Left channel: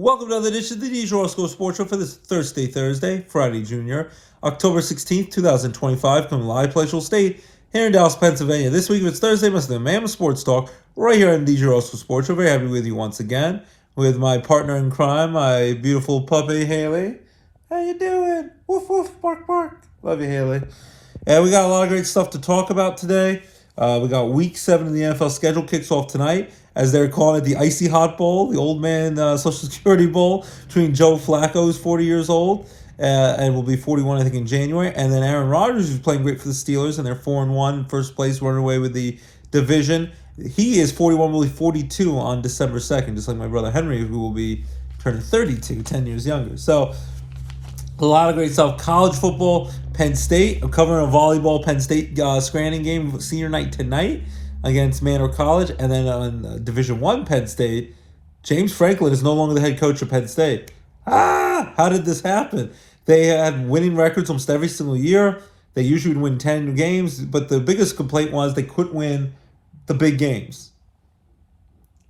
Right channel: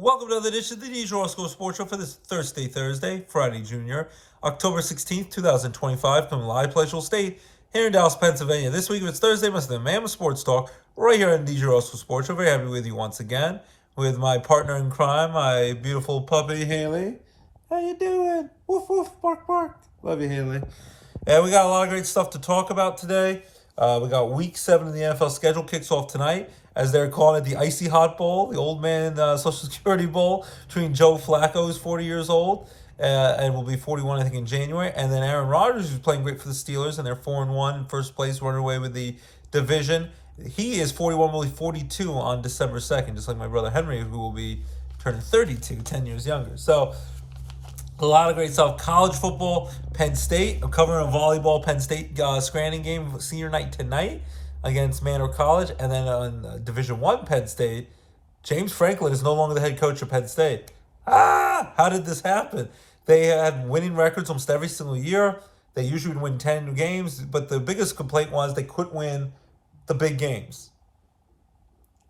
Welcome to another edition of the DJ Roscoe Sports Show for this Thursday, Friday, Junior, October 16th, 2025, coming live Palatial State here in Dallas, Pennsylvania. This week, if it's Thursday, must be the Mammoth Sports Talk right here on DJ Roscoe Sports Show. Very happy with you once again with my partner in crime, my beautiful puppy, Haley. How you doing? Woof, woof, bark, bark. Love you, Haley. And we got a lot of great stuff to talk about today. We got Week 7 of the NFL schedule kicks off tonight, as they're calling it the Icy Hot Bowl, the old man Social Security Bowl between Joe Flacco, who's 40 years old, and will be 41, I think, in January. And then Aaron Rodgers, who's playing great for the Steelers, and they're 4-1 in first place, running away with the division. He is 41, will be 42 on December 2nd, just like my brother Henry, who will be turning 32, 10 years younger. So a lot of great stuff. College football, Penn State. I'm covering a volleyball Penn State Scranton game, senior night tonight against Manor College. And then on Division I Penn State, James Franklin is no longer the head coach of Penn State. How did this happen? They had winning records almost every single year. They usually would win 10 games, but the biggest complaint was they couldn't win the big games.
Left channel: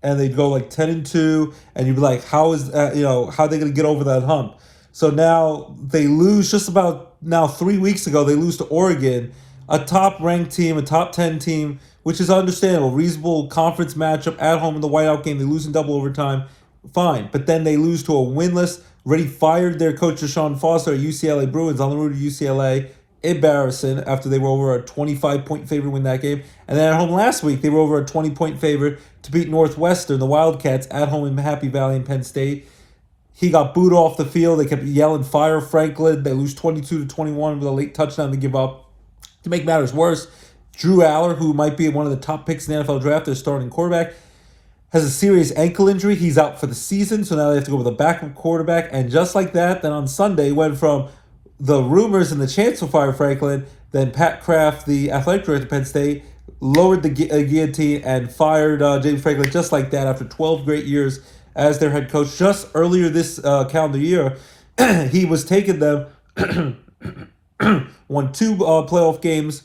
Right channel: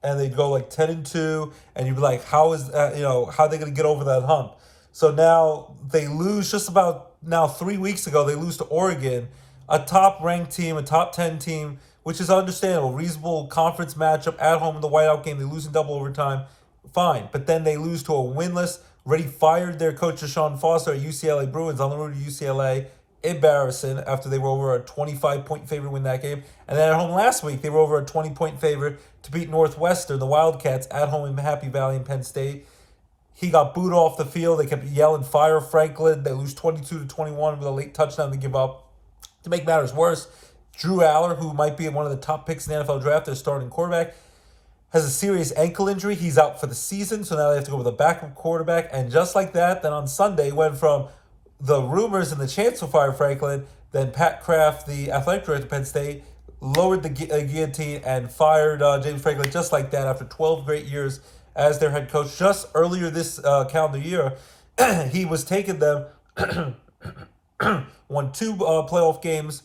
And they'd go like 10-2, and you'd be like, how is how are they going to get over that hump? So now they lose just about 3 weeks ago. They lose to Oregon, a top-ranked team, a top 10 team, which is understandable. Reasonable conference matchup at home in the whiteout game. They lose in double overtime. Fine. But then they lose to a winless, already fired their coach, Deshaun Foster, at UCLA Bruins on the road to UCLA. Embarrassing after they were over a 25-point favorite to win that game. And then at home last week, they were over a 20-point favorite to beat Northwestern, the Wildcats, at home in Happy Valley in Penn State. He got booed off the field. They kept yelling, fire Franklin. They lose 22-21 with a late touchdown to give up. To make matters worse, Drew Aller, who might be one of the top picks in the NFL draft, their starting quarterback, has a serious ankle injury. He's out for the season, so now they have to go with a backup quarterback. And just like that, then on Sunday, went from the rumors and the chance to fire Franklin, then Pat Kraft, the athletic director of Penn State, lowered the guillotine and fired James Franklin just like that after 12 great years as their head coach. Just earlier this calendar year, he was taking them, won 2 playoff games,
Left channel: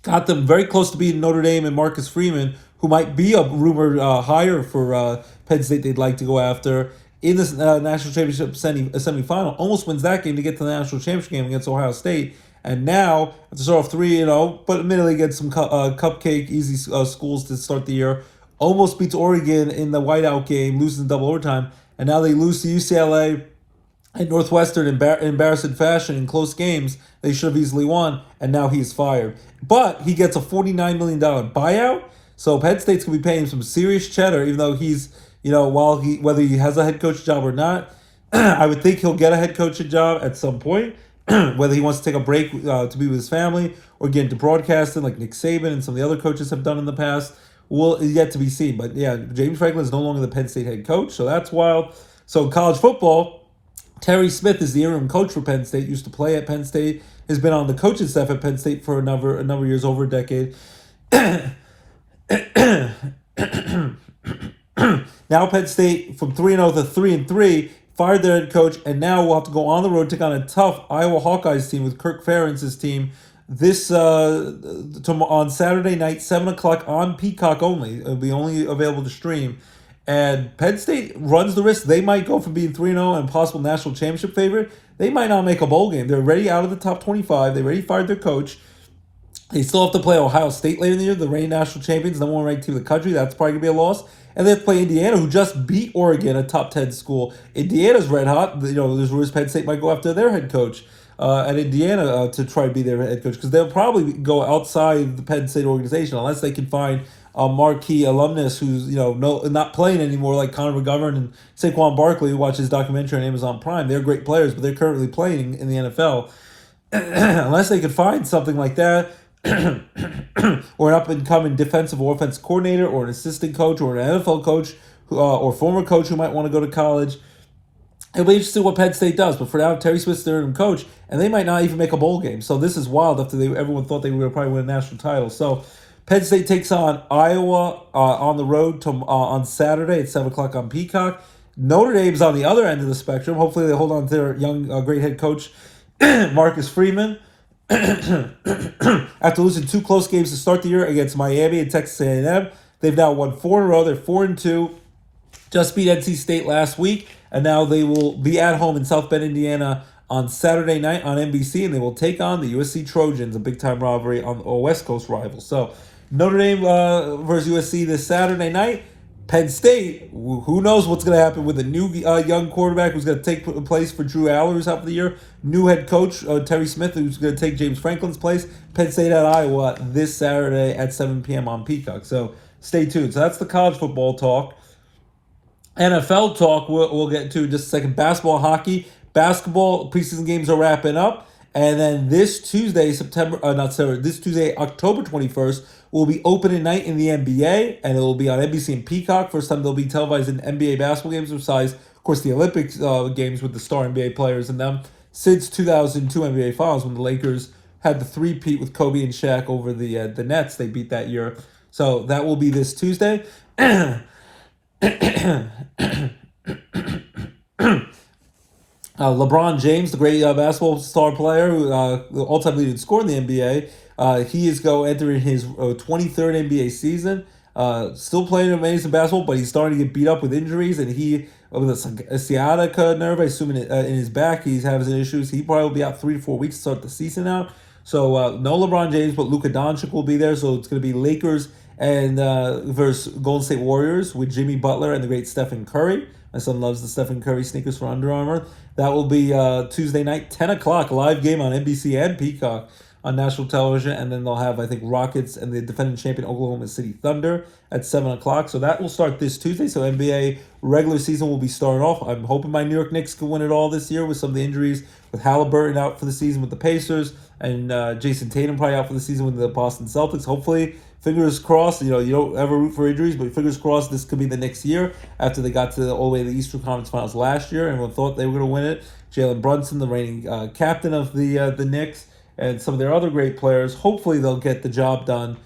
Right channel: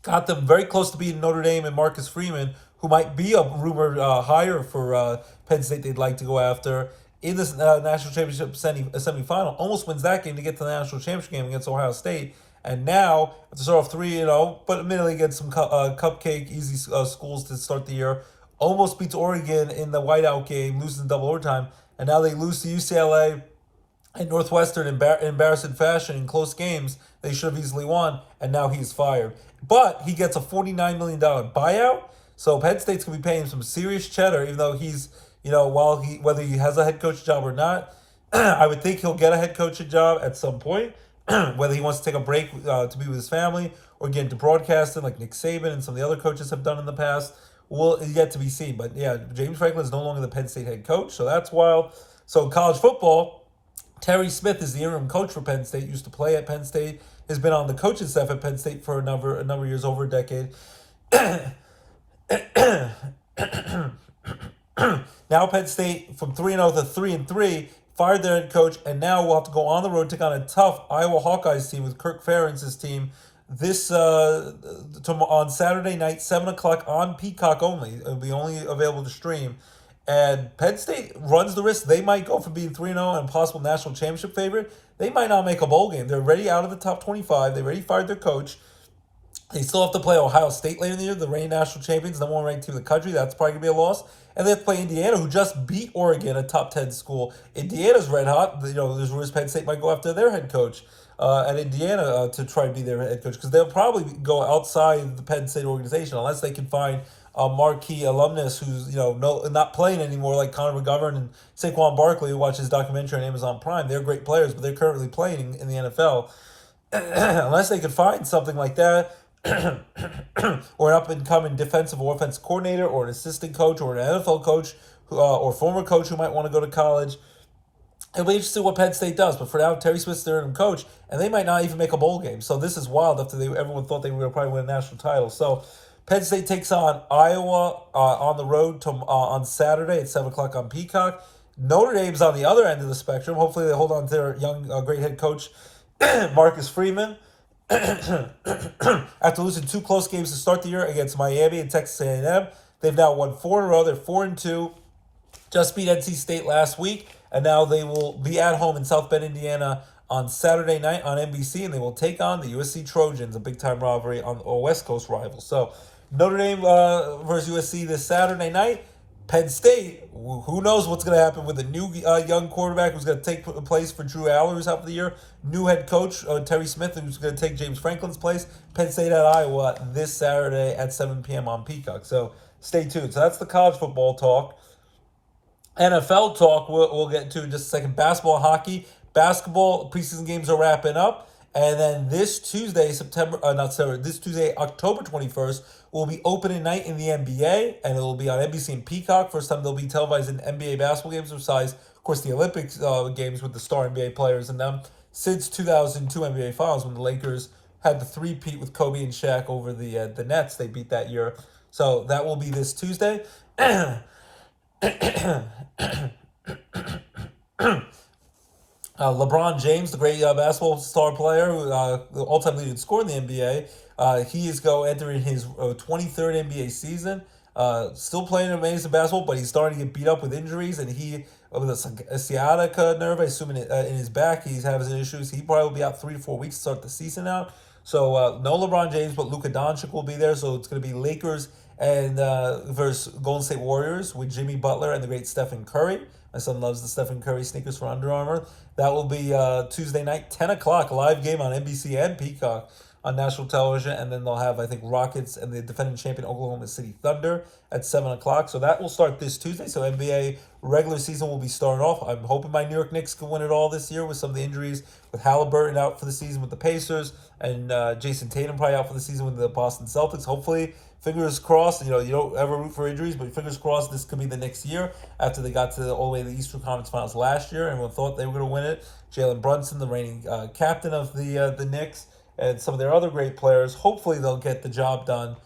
got them very close to beating Notre Dame and Marcus Freeman, who might be a rumored hire for Penn State they'd like to go after in this national championship semifinal. Almost wins that game to get to the national championship game against Ohio State. And now, after start off 3-0, but admittedly against some cupcake, easy schools to start the year, almost beats Oregon in the whiteout game, losing double overtime. And now they lose to UCLA and Northwestern in embarrassing fashion in close games they should have easily won, and now he's fired. But he gets a $49 million buyout, so Penn State's going to be paying him some serious cheddar, even though he's, whether he has a head coach job or not, I would think he'll get a head coaching job at some point, whether he wants to take a break to be with his family or get into broadcasting like Nick Saban and some of the other coaches have done in the past. Well, yet to be seen. But yeah, James Franklin is no longer the Penn State head coach, so that's wild. So in college football, Terry Smith is the interim coach for Penn State, used to play at Penn State, has been on the coaching staff at Penn State for a number of years, over a decade. Now Penn State, from 3-0 to 3-3, fired their head coach, and now will have to go on the road, take on a tough Iowa Hawkeyes team with Kirk Ferentz's team. This on Saturday night, 7 o'clock on Peacock only. It'll be only available to stream. And Penn State runs the risk. They might go from being 3-0 and possible national championship favorite. They might not make a bowl game. They're already out of the top 25. They already fired their coach. They still have to play Ohio State later in the year, the reigning national champions, number 1 ranked team in the country. That's probably going to be a loss. And they have to play Indiana, who just beat Oregon, a top 10 school. Indiana's red hot. There's rumors Penn State might go after their head coach at Indiana to try to be their head coach, because they'll probably go outside the Penn State organization unless they can find a marquee alumnus who's not playing anymore, like Connor McGovern and Saquon Barkley, who watches documentary on Amazon Prime. They're great players, but they're currently playing in the NFL. Unless they could find something like that, or an up-and-coming defensive or offensive coordinator, or an assistant coach, or an NFL coach, or former coach who might want to go to college. It'll be interesting what Penn State does, but for now, Terry Smith's their interim coach, and they might not even make a bowl game. So this is wild after everyone thought they were going to probably win a national title. So Penn State takes on Iowa on the road on Saturday at 7 o'clock on Peacock. Notre Dame's on the other end of the spectrum. Hopefully they hold on to their young, great head coach, Marcus Freeman. After losing 2 close games to start the year against Miami and Texas A&M, they've now won 4 in a row. They're 4-2. Just beat NC State last week. And now they will be at home in South Bend, Indiana on Saturday night on NBC, and they will take on the USC Trojans, a big-time rivalry on a West Coast rival. So Notre Dame versus USC this Saturday night. Penn State, who knows what's going to happen with a new young quarterback who's going to take place for Drew Aller, who's out for the year. New head coach, Terry Smith, who's going to take James Franklin's place. Penn State at Iowa this Saturday at 7 p.m. on Peacock. So stay tuned. So that's the college football talk. NFL talk we'll get to in just a second. Basketball, hockey. Basketball preseason games are wrapping up. And then this Tuesday, October 21st, will be opening night in the NBA, and it will be on NBC and Peacock. First time they'll be televised in NBA basketball games besides, of course, the Olympics games with the star NBA players in them since 2002 NBA Finals when the Lakers had the three-peat with Kobe and Shaq over the Nets. They beat that year. So that will be this Tuesday. LeBron James, the great basketball star player, the all-time leading scorer in the NBA, he is entering his 23rd NBA season. Still playing amazing basketball, but he's starting to get beat up with injuries, and he with a sciatica nerve, I assume in his back, he's having some issues. He probably will be out 3 to 4 weeks to start the season out. So no LeBron James, but Luka Doncic will be there. So it's going to be Lakers and versus Golden State Warriors with Jimmy Butler and the great Stephen Curry. My son loves the Stephen Curry sneakers for Under Armour. That will be Tuesday night, 10 o'clock, live game on NBC and Peacock on national television. And then they'll have, I think, Rockets and the defending champion Oklahoma City Thunder at 7 o'clock. So that will start this Tuesday. So NBA regular season will be starting off. I'm hoping my New York Knicks can win it all this year with some of the injuries, with Halliburton out for the season with the Pacers and Jason Tatum probably out for the season with the Boston Celtics. Hopefully, fingers crossed, you don't ever root for injuries, but fingers crossed this could be the next year after they got all the way to the Eastern Conference Finals last year. Everyone thought they were going to win it. Jalen Brunson, the reigning captain of the Knicks, and some of their other great players. Hopefully they'll get the job done,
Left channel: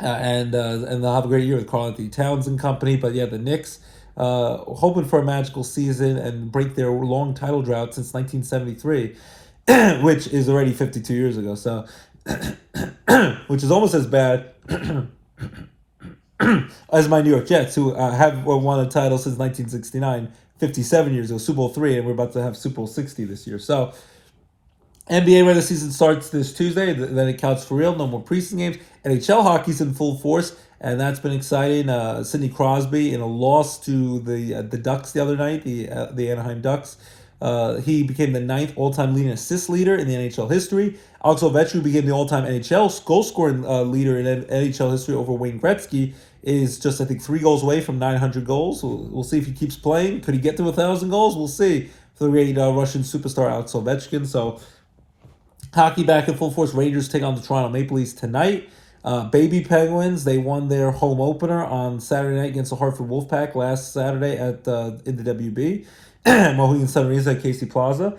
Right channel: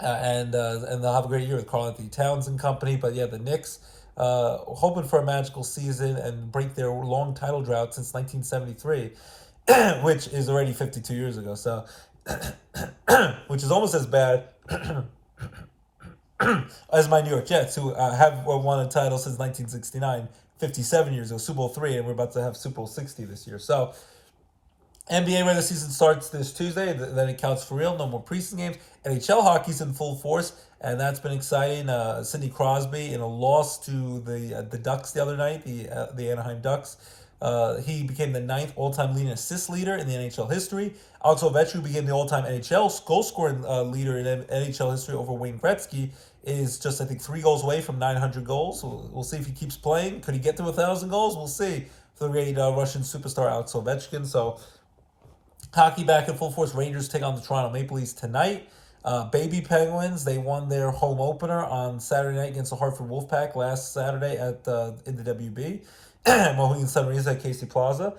and they'll have a great year with Karl Anthony Towns and company. But yeah, the Knicks hoping for a magical season and break their long title drought since 1973, which is already 52 years ago. So, which is almost as bad as my New York Jets, who have won a title since 1969, 57 years ago, Super Bowl III, and we're about to have Super Bowl 60 this year. So, NBA regular season starts this Tuesday, then it counts for real, no more preseason games. NHL hockey's in full force, and that's been exciting. Sidney Crosby, in a loss to the Ducks the other night, the Anaheim Ducks, he became the 9th all-time leading assist leader in the NHL history. Alex Ovechkin became the all-time NHL goal-scoring leader in NHL history over Wayne Gretzky, is just, I think, 3 goals away from 900 goals. We'll see if he keeps playing. Could he get to 1,000 goals? We'll see for the great Russian superstar Alex Ovechkin. So, hockey back in full force. Rangers take on the Toronto Maple Leafs tonight. Baby Penguins, they won their home opener on Saturday night against the Hartford Wolfpack last Saturday in the WB. Mohegan Sun Arena at Casey Plaza.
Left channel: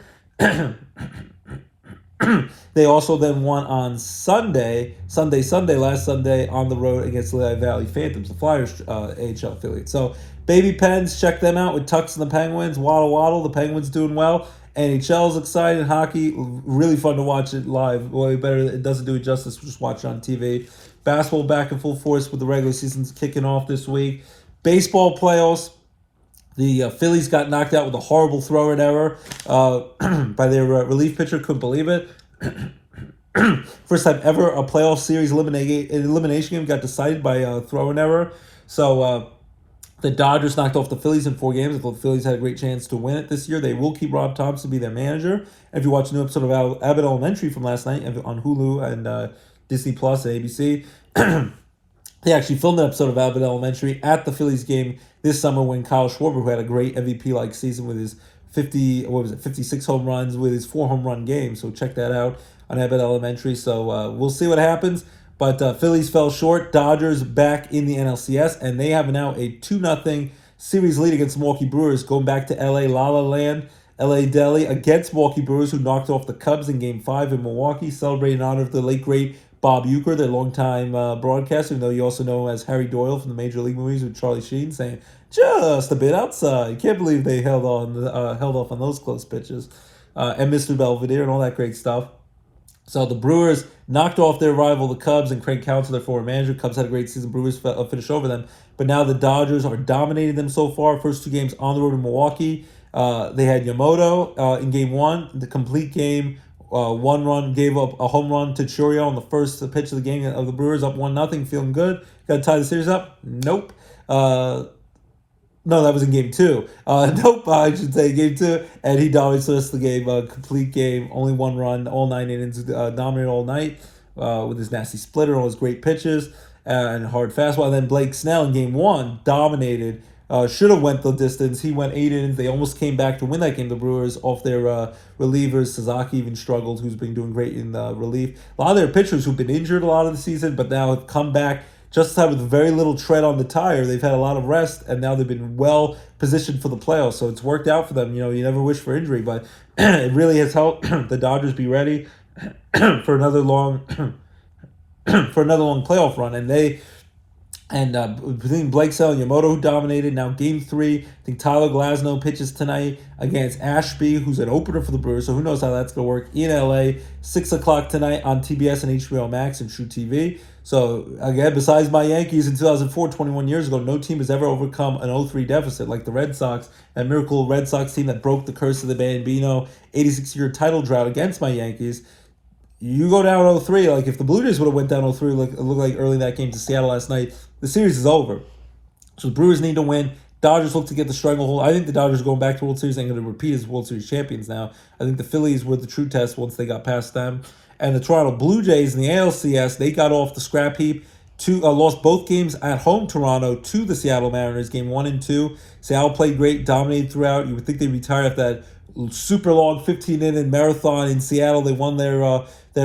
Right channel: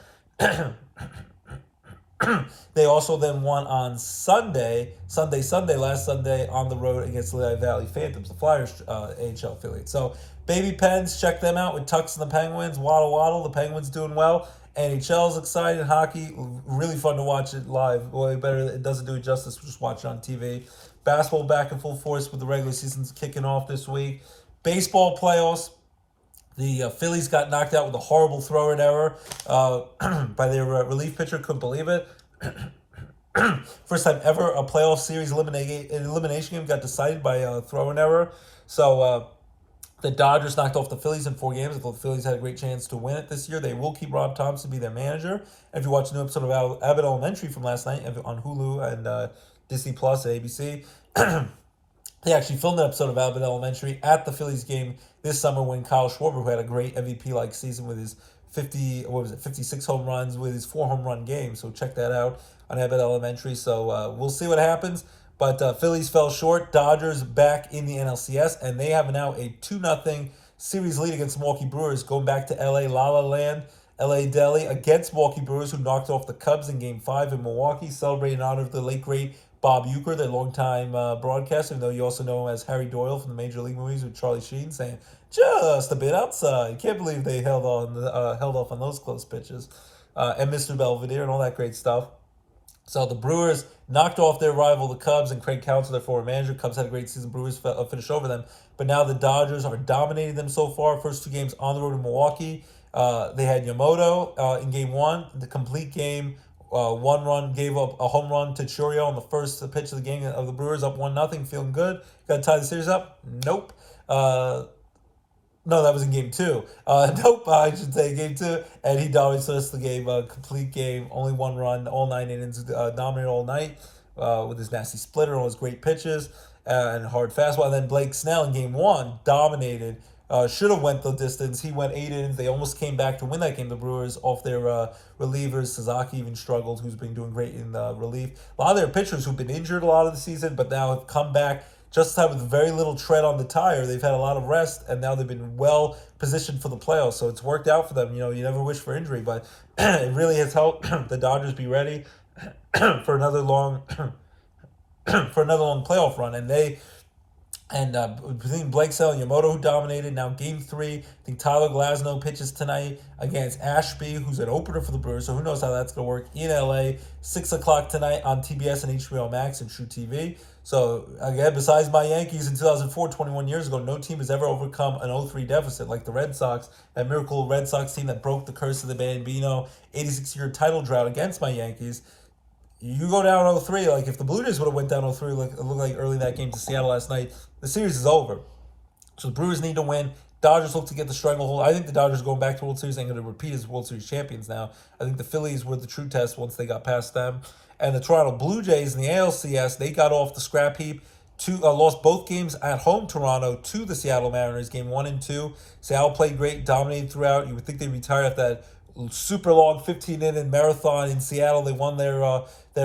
They also then won on last Sunday on the road against the Lehigh Valley Phantoms, the Flyers AHL affiliate. So, Baby Pens, check them out with Tux and the Penguins. Waddle, the Penguins doing well. NHL's exciting. Hockey, really fun to watch it live. Way better. It doesn't do it justice. Just watch it on TV. Basketball back in full force with the regular season's kicking off this week. Baseball playoffs. The Phillies got knocked out with a horrible throw-in error by their relief pitcher. Couldn't believe it. First time ever a playoff series elimination game got decided by a throw-in error. So the Dodgers knocked off the Phillies in 4 games. I thought the Phillies had a great chance to win it this year. They will keep Rob Thompson be their manager. And if you watch a new episode of Abbott Elementary from last night on Hulu and Disney Plus and ABC, they actually filmed an episode of Abbott Elementary at the Phillies game this summer when Kyle Schwarber, who had a great MVP-like season with his 56 home runs with his 4 home run game. So check that out on Abbott Elementary. So we'll see what happens. But Phillies fell short. Dodgers back in the NLCS, and they have now a 2-0 series lead against Milwaukee Brewers, going back to L.A. La La Land, L.A. Deli, against Milwaukee Brewers, who knocked off the Cubs in Game 5 in Milwaukee, celebrating in honor of the late, great Bob Uecker, their longtime broadcaster, even though you also know him as Harry Doyle from the Major League movies with Charlie Sheen, saying, just a bit outside. Can't believe they held off on those close pitches. And Mr. Belvedere and all that great stuff. So the Brewers knocked off their rival, the Cubs, and Craig Counsell, their former manager. Cubs had a great season. Brewers finished over them. But now the Dodgers are dominating them so far. First two games on the road in Milwaukee. They had Yamamoto in game one, the complete game. One run, gave up a home run to Churio on the first pitch of the game of the Brewers, up 1-0, feeling good. Got to tie the series up? Nope. No, that was in game two. Nope, I should say game two. And he dominates the rest of the game. Complete game, only one run, all 9 innings, dominated all night with his nasty splitter, all his great pitches, and hard fastball. And then Blake Snell in game one dominated. Should have went the distance. He went 8 innings. They almost came back to win that game. The Brewers off their relievers. Sasaki even struggled, who's been doing great in relief. A lot of their pitchers who've been injured a lot of the season, but now have come back just in time with very little tread on the tire. They've had a lot of rest, and now they've been well positioned for the playoffs. So it's worked out for them. You never wish for injury, but it really has helped the Dodgers be ready for another long playoff run. And between Blake Snell and Yamamoto, who dominated. Now game three, I think Tyler Glasnow pitches tonight against Ashby, who's an opener for the Brewers. So who knows how that's going to work in LA. 6 o'clock tonight on TBS and HBO Max and True TV. So again, besides my Yankees in 2004, 21 years ago, no team has ever overcome an 0-3 deficit like the Red Sox, that miracle Red Sox team that broke the curse of the Bambino 86-year title drought against my Yankees. You go down 0-3, like if the Blue Jays would have went down 0-3, like it looked like early in that game to Seattle last night, the series is over. So the Brewers need to win. Dodgers look to get the stranglehold. I think the Dodgers are going back to World Series and going to repeat as World Series champions now. I think the Phillies were the true test once they got past them. And the Toronto Blue Jays in the ALCS, they got off the scrap heap. Lost both games at home, Toronto, to the Seattle Mariners, game 1 and 2. Seattle played great, dominated throughout. You would think they'd retire after that super long 15-inning marathon in Seattle. They won their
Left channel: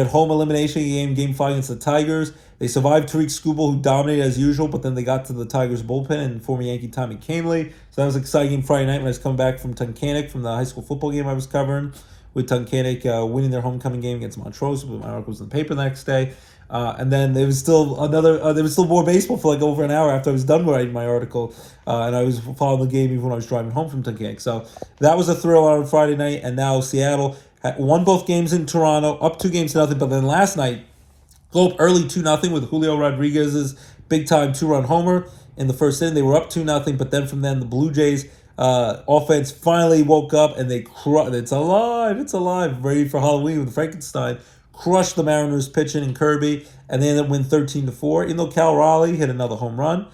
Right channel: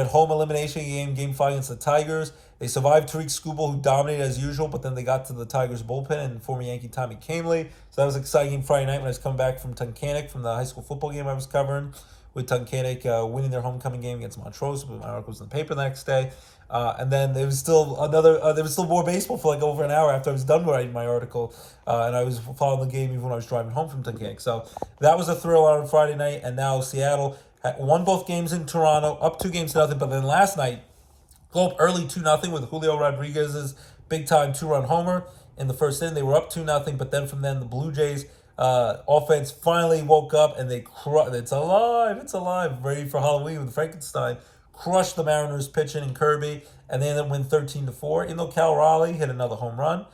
home elimination game 5 against the Tigers. They survived Tariq Skubal, who dominated as usual, but then they got to the Tigers bullpen and former Yankee Tommy Kahnle. So that was an exciting game Friday night when I was coming back from Tunkhannock from the high school football game I was covering, with Tunkhannock winning their homecoming game against Montrose. My article was in the paper the next day. And then there was still more baseball for like over an hour after I was done writing my article, and I was following the game even when I was driving home from Tunkhannock. So that was a thrill on Friday night, and now Seattle won both games in Toronto, up 2-0, but then last night, go up early 2-0 with Julio Rodriguez's big-time 2-run homer in the first inning. They were up 2-0, but then from then the Blue Jays offense finally woke up, and it's alive, ready for Halloween with Frankenstein. Crushed the Mariners pitching and Kirby, and they ended up winning 13-4. Even though Cal Raleigh hit another home run,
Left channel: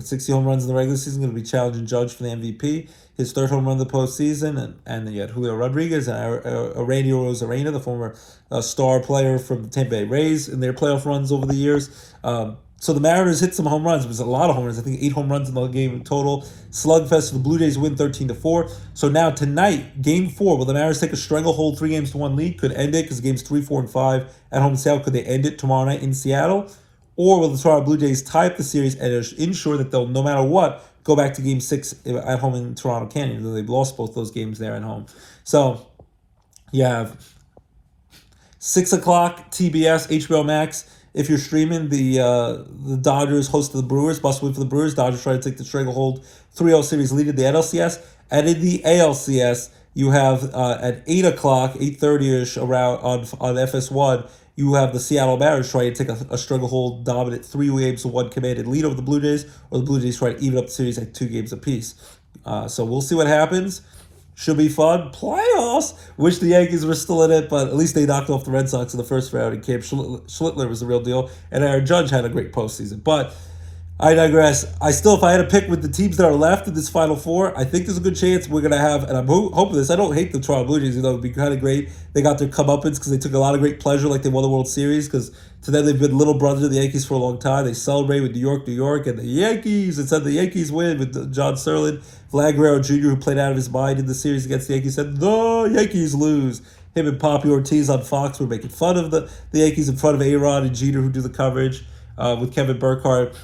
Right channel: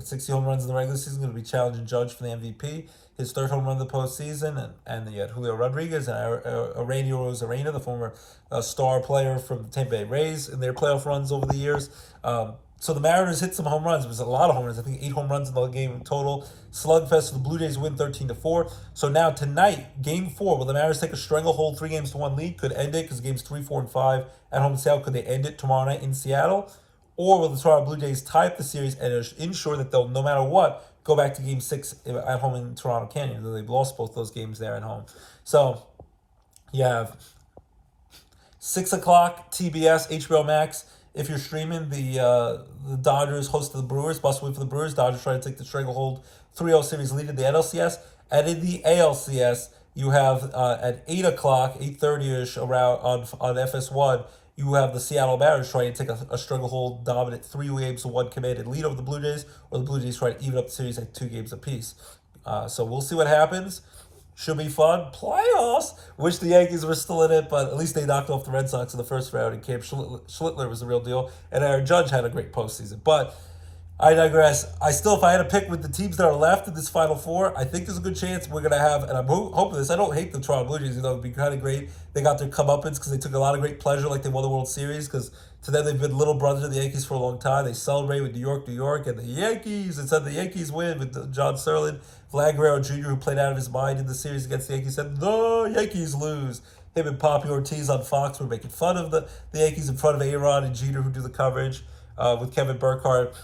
60 home runs in the regular season, going to be challenging Judge for the MVP. His third home run of the postseason, and then you had Julio Rodriguez and Aurelio Rosarena, the former star player from the Tampa Bay Rays in their playoff runs over the years. So the Mariners hit some home runs. It was a lot of home runs. I think 8 home runs in the game total. Slugfest for the Blue Jays win 13-4. So now tonight, game 4, will the Mariners take a stranglehold 3-1 lead? Could end it because games 3, 4, and 5 at home in Seattle. Could they end it tomorrow night in Seattle? Or will the Toronto Blue Jays tie up the series and ensure that they'll, no matter what, go back to game 6 at home in Toronto Canyon, though they've lost both those games there at home. So you have 6 o'clock TBS, HBO Max. If you're streaming, the Dodgers host the Brewers. Must win for the Brewers. Dodgers try to take the stranglehold 3-0 series lead in the NLCS. And in the ALCS, you have at 8 o'clock, 8:30ish around on FS1, you have the Seattle Mariners trying to take a stranglehold dominant 3-1 commanded lead over the Blue Jays, or the Blue Jays try to even up the series at 2 games apiece. So we'll see what happens. Should be fun. Playoffs. Wish the Yankees were still in it, but at least they knocked off the Red Sox in the first round, and Cam Schlittler was the real deal, and Aaron Judge had a great postseason. But I digress. If I had to pick with the teams that are left in this Final Four, I think there's a good chance we're going to have, and I'm hoping this, I don't hate the Toronto Blue Jays, it would be kind of great. They got their comeuppance because they took a lot of great pleasure like they won the World Series, because to them they've been little brothers of the Yankees for a long time. They celebrate with New York, and the Yankees, it said the Yankees win with John Sterling. Vlad Guerrero Jr., who played out of his mind in the series against the Yankees, said, the Yankees lose. Him and Poppy Ortiz on Fox were making fun of the Yankees in front of A-Rod and Jeter, who do the coverage with Kevin Burkhardt.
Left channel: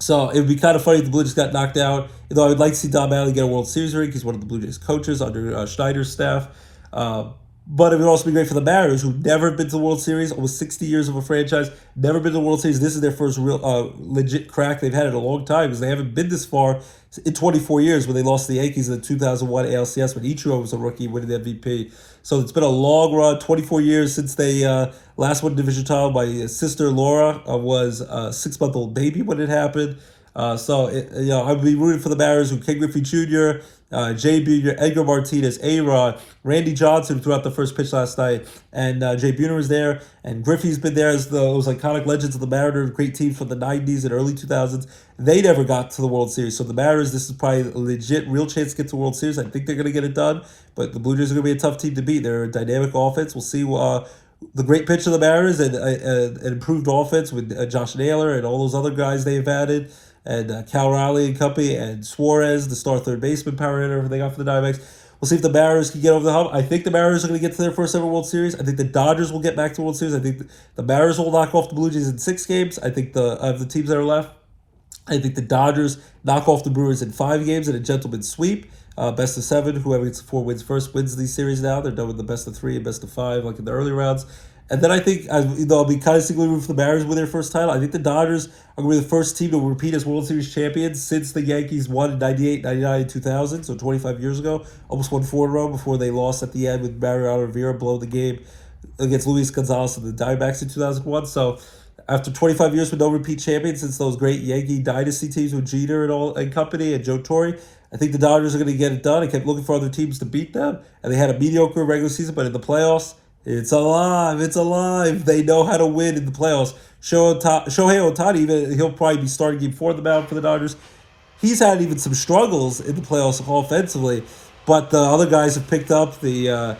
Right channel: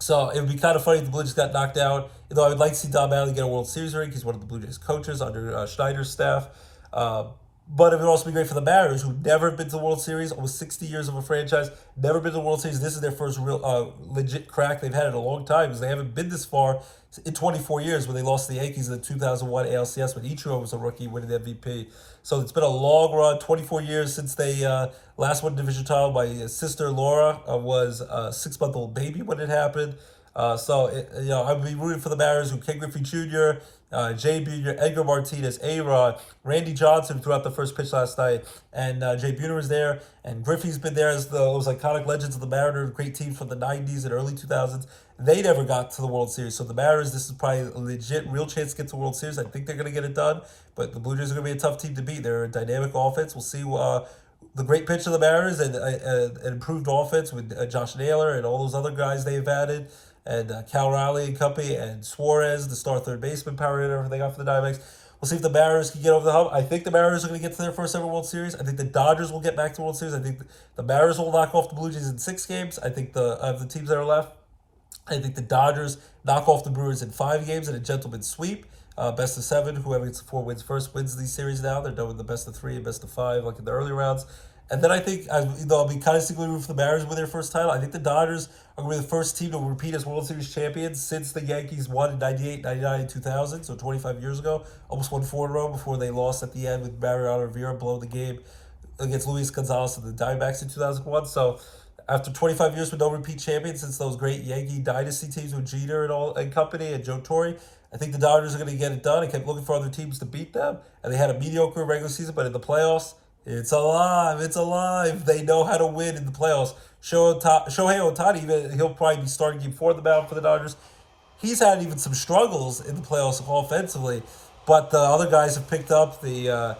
So it would be kind of funny if the Blue Jays got knocked out. Though I would like to see Don Mattingly get a World Series ring. He's one of the Blue Jays coaches under Schneider's staff. But it would also be great for the Mariners, who never been to the World Series, almost 60 years of a franchise, never been to the World Series. This is their first real legit crack they've had in a long time, because they haven't been this far in 24 years when they lost to the Yankees in the 2001 ALCS when Ichiro was a rookie winning the MVP. So it's been a long run, 24 years since they last won division title. My sister Laura was a 6-month-old baby when it happened. I'd be rooting for the Mariners, who Ken Griffey Jr., Jay Buhner, Edgar Martinez, A-Rod, Randy Johnson, who threw out the first pitch last night, and Jay Buhner was there, and Griffey's been there as those iconic legends of the Mariners, great team from the 90s and early 2000s. They never got to the World Series, so the Mariners, this is probably a legit, real chance to get to the World Series. I think they're going to get it done, but the Blue Jays are going to be a tough team to beat. They're a dynamic offense. We'll see the great pitch of the Mariners and an improved offense with Josh Naylor and all those other guys they've added, and Cal Riley and company, and Suarez, the star third baseman, power hitter, everything got for the Diamondbacks. We'll see if the Mariners can get over the hump. I think the Mariners are going to get to their first ever World Series. I think the Dodgers will get back to the World Series. I think the Mariners will knock off the Blue Jays in 6 games. I think of the teams that are left, I think the Dodgers knock off the Brewers in 5 games in a gentleman's sweep. Best of 7. Whoever gets 4 wins first wins these series now. They're done with the best of 3 and best of 5 like in the early rounds. And then I think, I'll be kind of secretly rooting for the Mariners with their first title. I think the Dodgers are going to be the first team to repeat as World Series champions since the Yankees won in 98, 99, and 2000, so 25 years ago. Almost won 4 in a row before they lost at the end with Mariano Rivera blowing the game against Luis Gonzalez and the Diamondbacks in 2001. So after 25 years with no repeat champions since those great Yankee dynasty teams with Jeter and company and Joe Torre, I think the Dodgers are going to get it done. I kept looking for other teams to beat them, and they had a mediocre regular season, but in the playoffs, it's alive. It's alive. They know how to win in the playoffs. Shohei Ohtani, he'll probably be starting game 4 of the mound for the Dodgers. He's had even some struggles in the playoffs offensively, but the other guys have picked up Enrique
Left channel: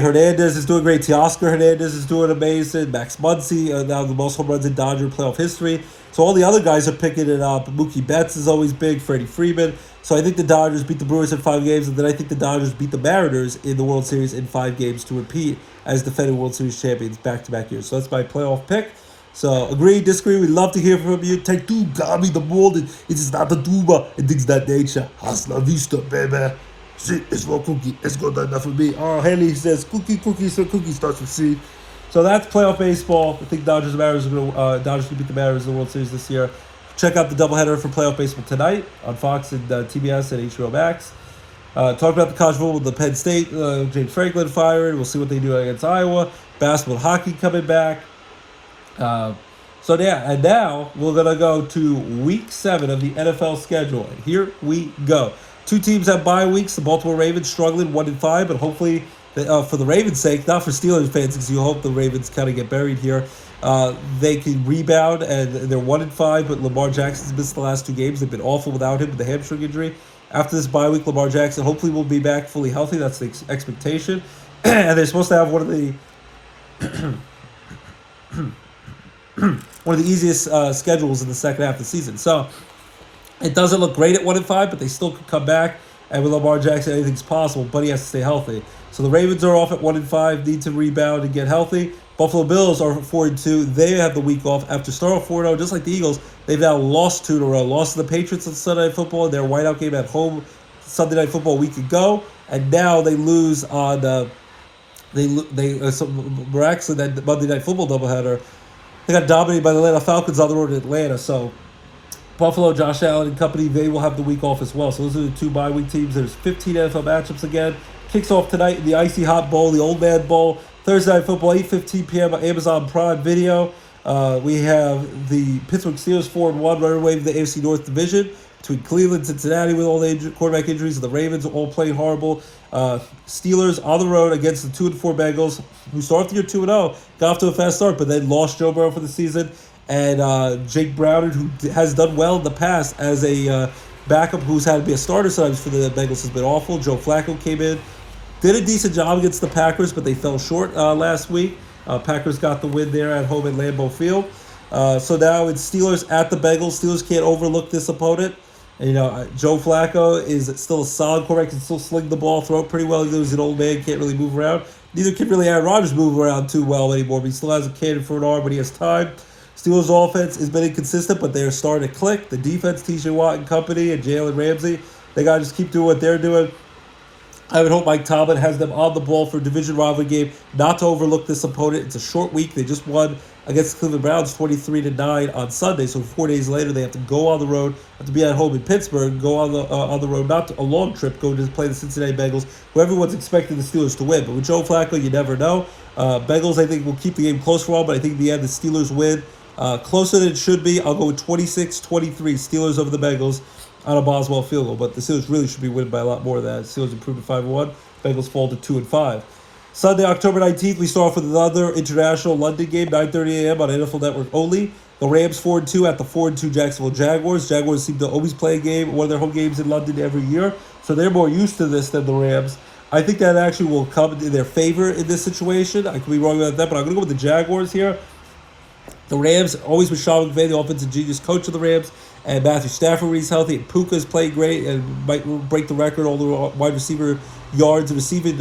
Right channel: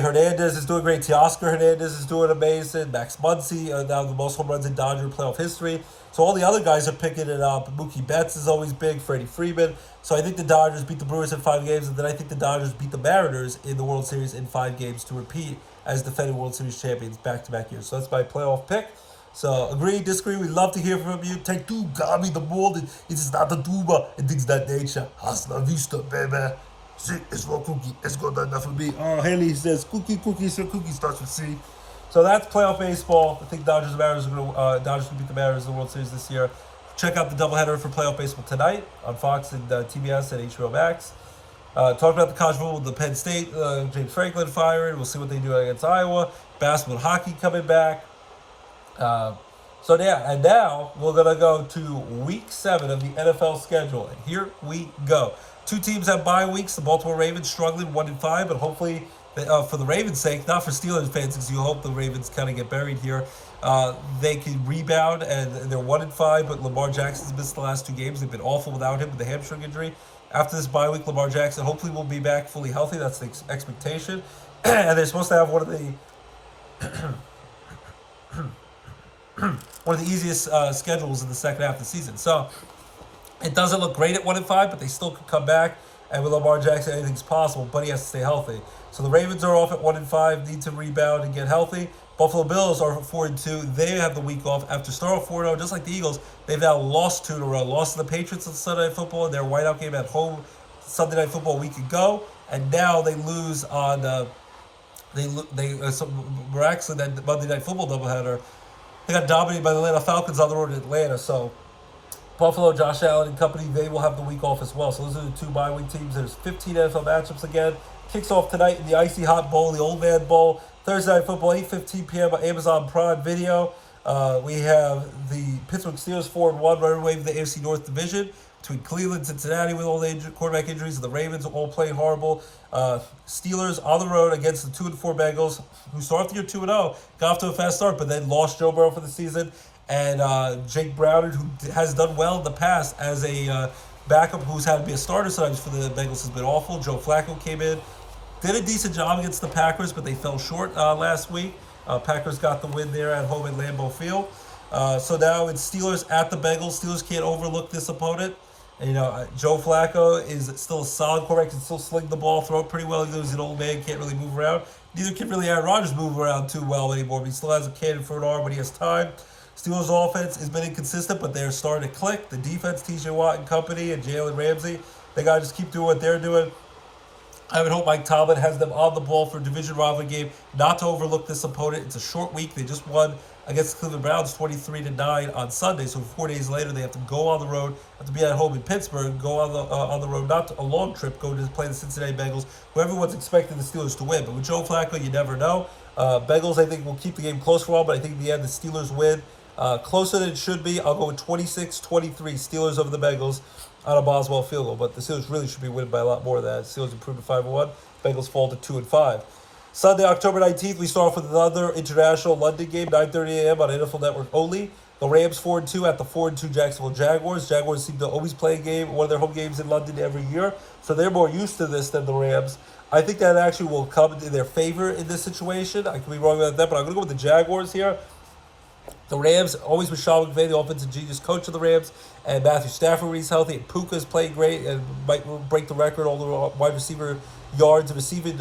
Hernandez is doing great. Teoscar Hernandez is doing amazing. Max Muncy, now the most home runs in Dodger playoff history. So all the other guys are picking it up. Mookie Betts is always big. Freddie Freeman. So I think the Dodgers beat the Brewers in 5 games, and then I think the Dodgers beat the Mariners in the World Series in 5 games to repeat as defending World Series champions back-to-back years. So that's my playoff pick. So agree, disagree, we'd love to hear from you. Take 2, Gabi, the mold. It is not the tuba. It is that nature. Hasta la vista, baby. C is for cookie. It's good enough for me. Oh, Henley says cookie, so cookie starts with C. So that's playoff baseball. I think Dodgers and Mariners are going to beat the Mariners in the World Series this year. Check out the doubleheader for playoff baseball tonight on Fox and TBS and HBO Max. Talk about the college football with the Penn State, James Franklin fired. We'll see what they do against Iowa. Basketball and hockey coming back. And now we're going to go to week 7 of the NFL schedule. And here we go. 2 teams have bye weeks. The Baltimore Ravens struggling 1-5, but hopefully, for the Ravens' sake, not for Steelers fans, because you hope the Ravens kind of get buried here, they can rebound, and they're 1-5, but Lamar Jackson's missed the last 2 games. They've been awful without him with the hamstring injury. After this bye week, Lamar Jackson hopefully will be back fully healthy. That's the expectation. And they're supposed to have one of the easiest schedules in the second half of the season. So it doesn't look great at 1-5, but they still could come back. And with Lamar Jackson, anything's possible, but he has to stay healthy. So the Ravens are off at 1-5, need to rebound and get healthy. Buffalo Bills are 4-2. They have the week off after starting 4-0, just like the Eagles. They've now lost 2 in a row. Lost to the Patriots on Sunday Night Football in their whiteout game at home Sunday Night Football a week ago, and now they lose on miraculously that Monday Night Football doubleheader. They got dominated by the Atlanta Falcons on the road in Atlanta. So Buffalo, Josh Allen and company, they will have the week off as well. So those are the 2 bye week teams. There's 15 NFL matchups again. Kicks off tonight in the Icy Hot Bowl, the Old Man Bowl. Thursday Night Football, 8:15 p.m. on Amazon Prime Video. We have the Pittsburgh Steelers 4-1 running away with the AFC North Division between Cleveland and Cincinnati with all the quarterback injuries, and the Ravens are all playing horrible. Steelers on the road against the 2-4 Bengals, who started the year 2-0, got off to a fast start, but then lost Joe Burrow for the season. And Jake Browning, who has done well in the past as a backup who's had to be a starter sometimes for the Bengals, has been awful. Joe Flacco came in, did a decent job against the Packers, but they fell short last week. Packers got the win there at home at Lambeau Field. So now it's Steelers at the Bengals. Steelers can't overlook this opponent. And, Joe Flacco is still a solid quarterback, can still sling the ball, throw it pretty well. He's an old man, can't really move around. Neither can really Aaron Rodgers move around too well anymore, but he still has a cannon for an arm when he has time. Steelers' offense has been inconsistent, but they're starting to click. The defense, T.J. Watt and company, and Jalen Ramsey, they got to just keep doing what they're doing. I would hope Mike Tomlin has them on the ball for a division rivalry game, not to overlook this opponent. It's a short week. They just won against the Cleveland Browns 23-9 on Sunday. So 4 days later, they have to go on the road, have to be at home in Pittsburgh, go on the road, not a long trip, go to play the Cincinnati Bengals, who everyone's expecting the Steelers to win. But with Joe Flacco, you never know. Bengals, I think, will keep the game close for a while, but I think in the end, the Steelers win. Closer than it should be. I'll go with 26-23, Steelers over the Bengals on a Boswell field goal, but the Steelers really should be winning by a lot more than that. Steelers improved to 5-1, Bengals fall to 2-5. Sunday, October 19th, we start off with another international London game, 9:30 a.m. on NFL Network only. The Rams 4-2 at the 4-2 Jacksonville Jaguars. Jaguars seem to always play a game, one of their home games in London every year, so they're more used to this than the Rams. I think that actually will come in their favor in this situation. I could be wrong about that, but I'm going to go with the Jaguars here. The Rams, always with Sean McVay, the offensive genius coach of the Rams, and Matthew Stafford when he's healthy, and Puka's played great and might break the record, all the wide receiver yards and receiving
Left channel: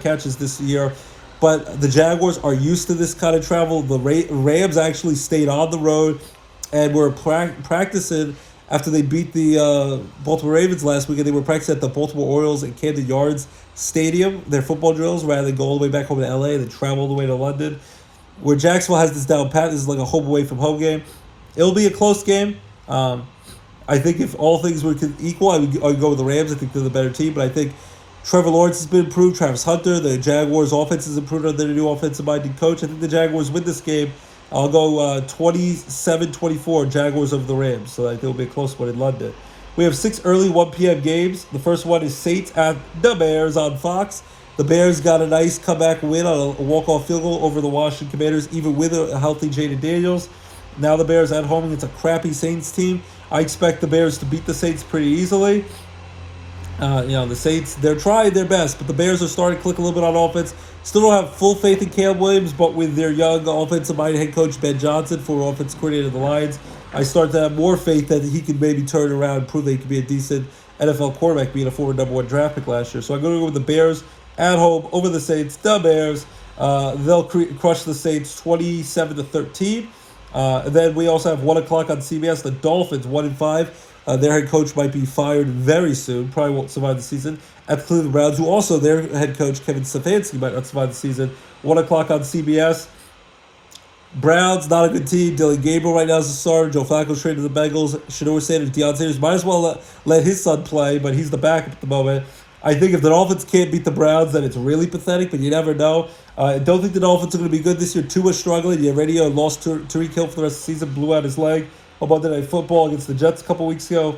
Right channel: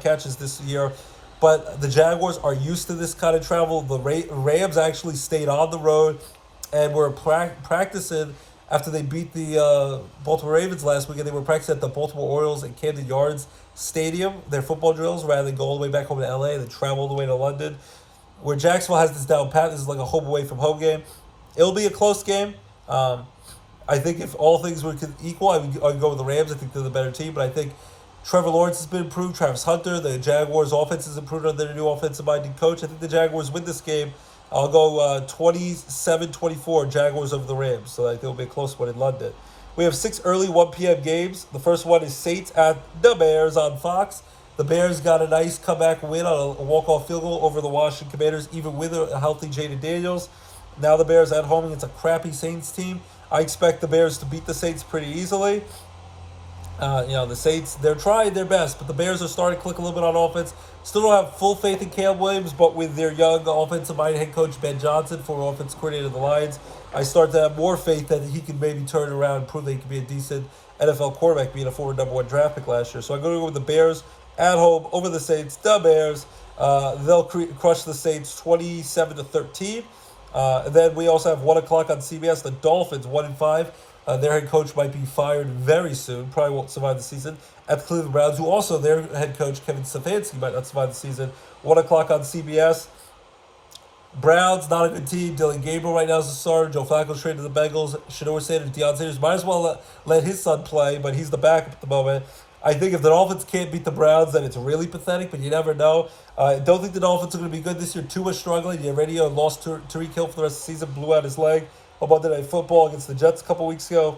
catches this year. But the Jaguars are used to this kind of travel. The Rams actually stayed on the road and were practicing after they beat the Baltimore Ravens last week, and they were practicing at the Baltimore Orioles at Camden Yards Stadium, their football drills, rather than go all the way back home to LA and then travel all the way to London. Where Jacksonville has this down pat, this is like a home away from home game. It'll be a close game. I think if all things were equal, I would go with the Rams. I think they're the better team, but I think Trevor Lawrence has been improved. Travis Hunter, the Jaguars' offense has improved under their new offensive-minded coach. I think the Jaguars win this game. I'll go 27-24 Jaguars over the Rams, so I think it'll be a close one in London. We have 6 early 1 p.m. games. The first one is Saints at the Bears on Fox. The Bears got a nice comeback win on a walk-off field goal over the Washington Commanders, even with a healthy Jaden Daniels. Now the Bears at home against a crappy Saints team. I expect the Bears to beat the Saints pretty easily. The Saints, they're trying their best, but the Bears are starting to click a little bit on offense. Still don't have full faith in Caleb Williams, but with their young offensive-minded head coach Ben Johnson, former offensive coordinator of the Lions, I start to have more faith that he can maybe turn around and prove that he can be a decent NFL quarterback, being a former number 1 draft pick last year. So I'm going to go with the Bears at home over the Saints. The Bears, they'll crush the Saints 27-13. And then we also have 1 o'clock on CBS. The Dolphins 1-5. Their head coach might be fired very soon. Probably won't survive the season. At the Cleveland Browns, who also their head coach Kevin Stefanski might not survive the season. 1 o'clock on CBS. Browns, not a good team. Dylan Gabriel right now is the starter. Joe Flacco's traded to the Bengals. Shedeur Sanders, Deion Sanders might as well let his son play, but he's the backup at the moment. I think if the Dolphins can't beat the Browns, then it's really pathetic, but you never know. I don't think the Dolphins are going to be good this year. Tua's struggling. You already lost Tyreek Hill for the rest of the season, blew out his leg on Monday Night Football against the Jets a couple weeks ago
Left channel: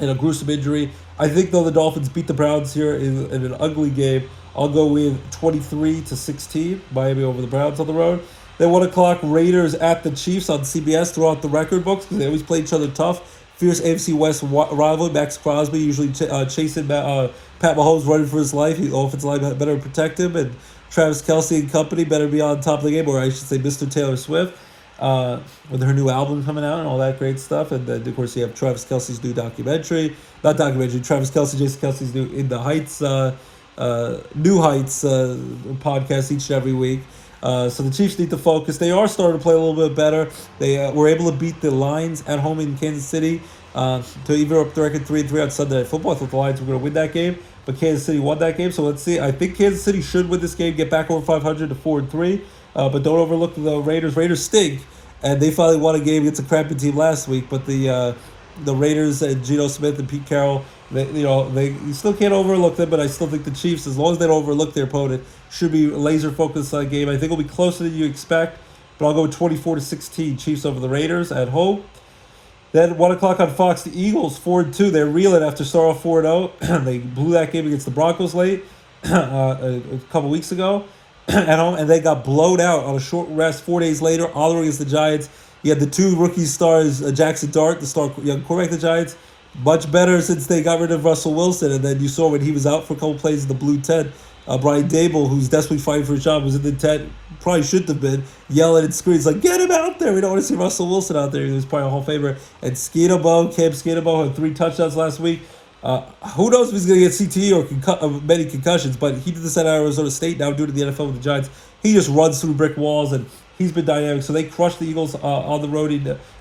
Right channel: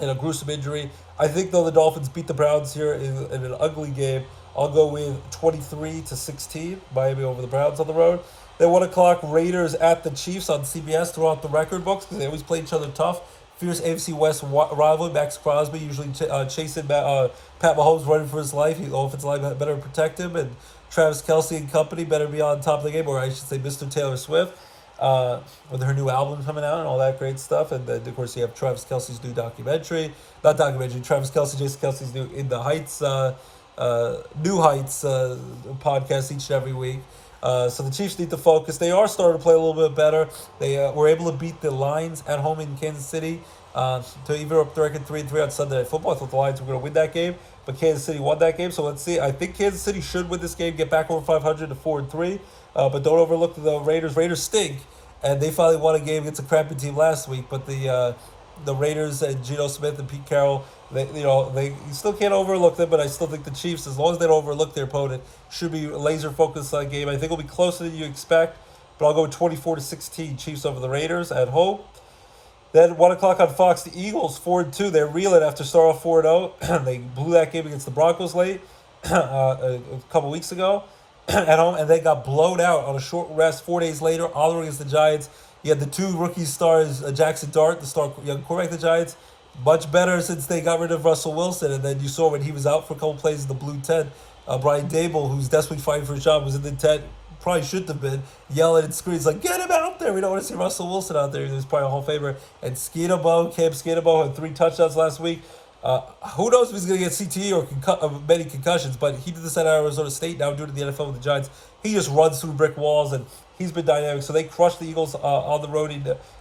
in a gruesome injury. I think, though, the Dolphins beat the Browns here in an ugly game. I'll go with 23-16, Miami over the Browns on the road. Then 1 o'clock, Raiders at the Chiefs on CBS throughout the record books because they always play each other tough. Fierce AFC West rival. Max Crosby usually chasing Pat Mahomes running for his life. The offensive line better protect him, and Travis Kelce and company better be on top of the game, or I should say Mr. Taylor Swift, with her new album coming out and all that great stuff. And then, of course, you have Travis Kelce's new Travis Kelce, Jason Kelce's new In the Heights, New Heights podcast each and every week. So the Chiefs need to focus. They are starting to play a little bit better. They were able to beat the Lions at home in Kansas City to even up the record 3-3 on Sunday Night Football. I thought the Lions were going to win that game, but Kansas City won that game. So let's see. I think Kansas City should win this game, get back over 500 to 4-3. But don't overlook the Raiders. Raiders stink, and they finally won a game against a crappy team last week. But the Raiders and Geno Smith and Pete Carroll, you still can't overlook them. But I still think the Chiefs, as long as they don't overlook their opponent, should be laser focused on the game. I think it'll be closer than you expect, but I'll go with 24-16 Chiefs over the Raiders at home. Then 1 o'clock on Fox, the Eagles 4-2. They're reeling after starting off 4-0. They blew that game against the Broncos late a couple weeks ago at home, and they got blown out on a short rest 4 days later, all against the Giants. You had the 2 rookie stars, Jackson Dart, the star young quarterback of the Giants, much better since they got rid of Russell Wilson. And then you saw when he was out for a couple plays in the blue tent, Brian Dable, who's desperately fighting for a job, was in the tent, probably shouldn't have been, yelling and screams like, get him out there. We don't want to see Russell Wilson out there. He was probably a Hall of Famer. And Cam Skeetabo had 3 touchdowns last week. Who knows if he's going to get CTE or many concussions, but he did this at Arizona State, now doing it in the NFL with the Giants. He just runs through brick walls, and he's been dynamic. So they crushed the Eagles on the road.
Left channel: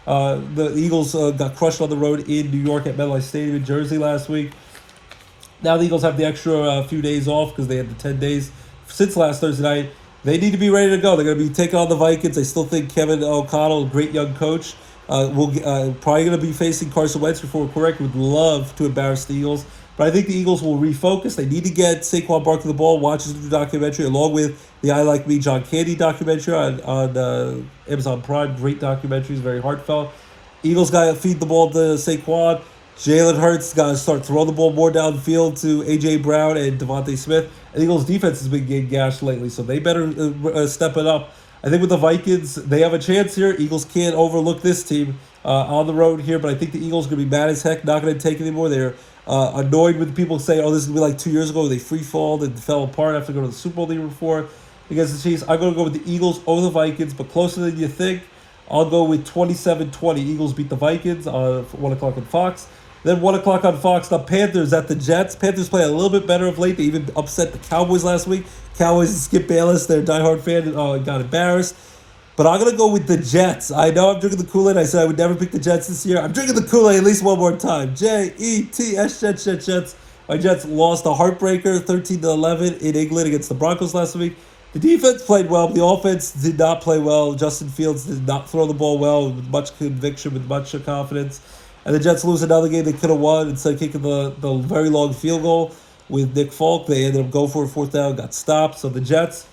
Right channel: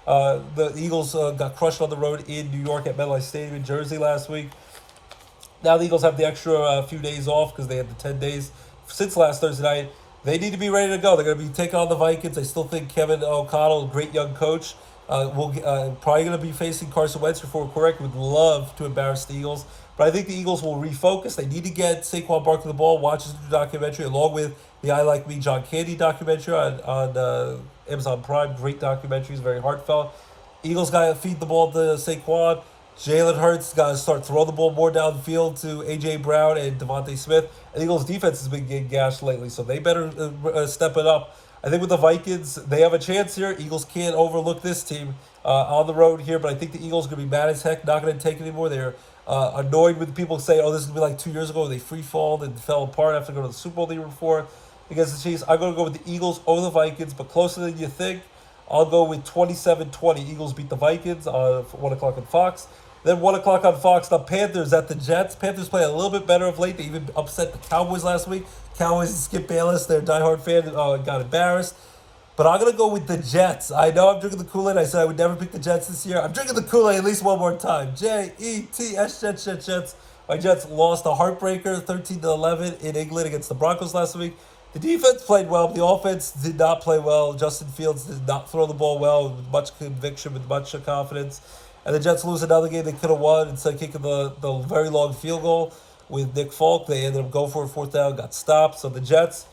The Eagles got crushed on the road in New York at MetLife Stadium in Jersey last week. Now the Eagles have the extra few days off because they had the 10 days since last Thursday night. They need to be ready to go. They're going to be taking on the Vikings. I still think Kevin O'Connell, a great young coach, will probably going to be facing Carson Wentz before we're correct. Would love to embarrass the Eagles. But I think the Eagles will refocus. They need to get Saquon Barkley the ball, watch his new documentary, along with the I Like Me John Candy documentary on Amazon Prime. Great documentaries, very heartfelt. Eagles got to feed the ball to Saquon. Jalen Hurts got to start throwing the ball more downfield to A.J. Brown and Devontae Smith. And Eagles' defense has been getting gashed lately, so they better step it up. I think with the Vikings, they have a chance here. Eagles can't overlook this team on the road here, but I think the Eagles are going to be mad as heck, not going to take it anymore. They're annoyed with people saying, oh, this is going to be like 2 years ago. They free-falled and fell apart after going to the Super Bowl the year before against the Chiefs. I'm going to go with the Eagles over the Vikings, but closer than you think. I'll go with 27-20. Eagles beat the Vikings on 1 o'clock on Fox. Then 1 o'clock on Fox, the Panthers at the Jets. Panthers play a little bit better of late. They even upset the Cowboys last week. Cowboys and Skip Bayless, their diehard fan, got embarrassed. But I'm going to go with the Jets. I know I'm drinking the Kool-Aid. I said I would never pick the Jets this year. I'm drinking the Kool-Aid at least one more time. Jets, Jets. My Jets lost a heartbreaker 13-11 in England against the Broncos last week. The defense played well. The offense did not play well. Justin Fields did not throw the ball well with much conviction, with much confidence. And the Jets lose another game they could have won instead of kicking the very long field goal with Nick Folk. They ended up going for a fourth down, got stopped. So the Jets,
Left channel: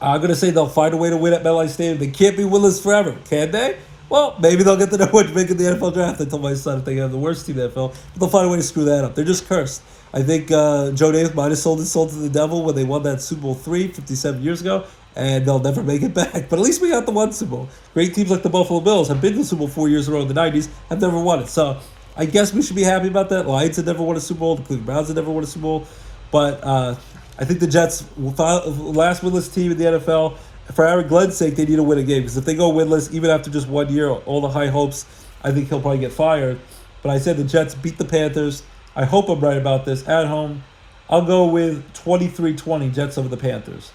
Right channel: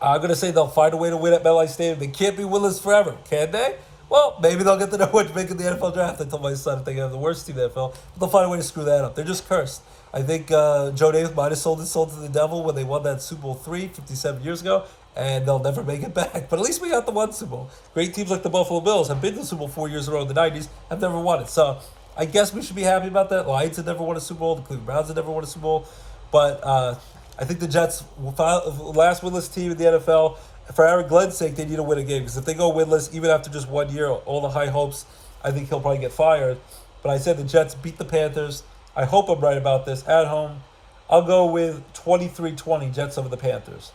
I'm going to say they'll find a way to win at MetLife Stadium. They can't be winless forever, can they? Well, maybe they'll get to know what to make in the NFL draft. I told my son if they have the worst team in the NFL, but they'll find a way to screw that up. They're just cursed. I think Joe Davis might have sold his soul to the devil when they won that Super Bowl 57 years ago, and they'll never make it back. But at least we got the one Super Bowl. Great teams like the Buffalo Bills have been to the Super Bowl 4 years in a row in the 90s, have never won it. So I guess we should be happy about that. Lions had never won a Super Bowl. The Cleveland Browns had never won a Super Bowl. But I think the Jets, last winless team in the NFL, for Aaron Glenn's sake, they need to win a game. Because if they go winless, even after just 1 year, all the high hopes, I think he'll probably get fired. But I said the Jets beat the Panthers. I hope I'm right about this. At home, I'll go with 23-20 Jets over the Panthers.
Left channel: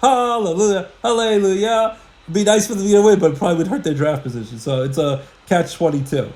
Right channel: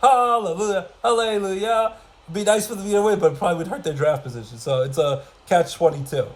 Hallelujah, hallelujah. It'd be nice for them to get a win, but it probably would hurt their draft position. So it's a catch-22.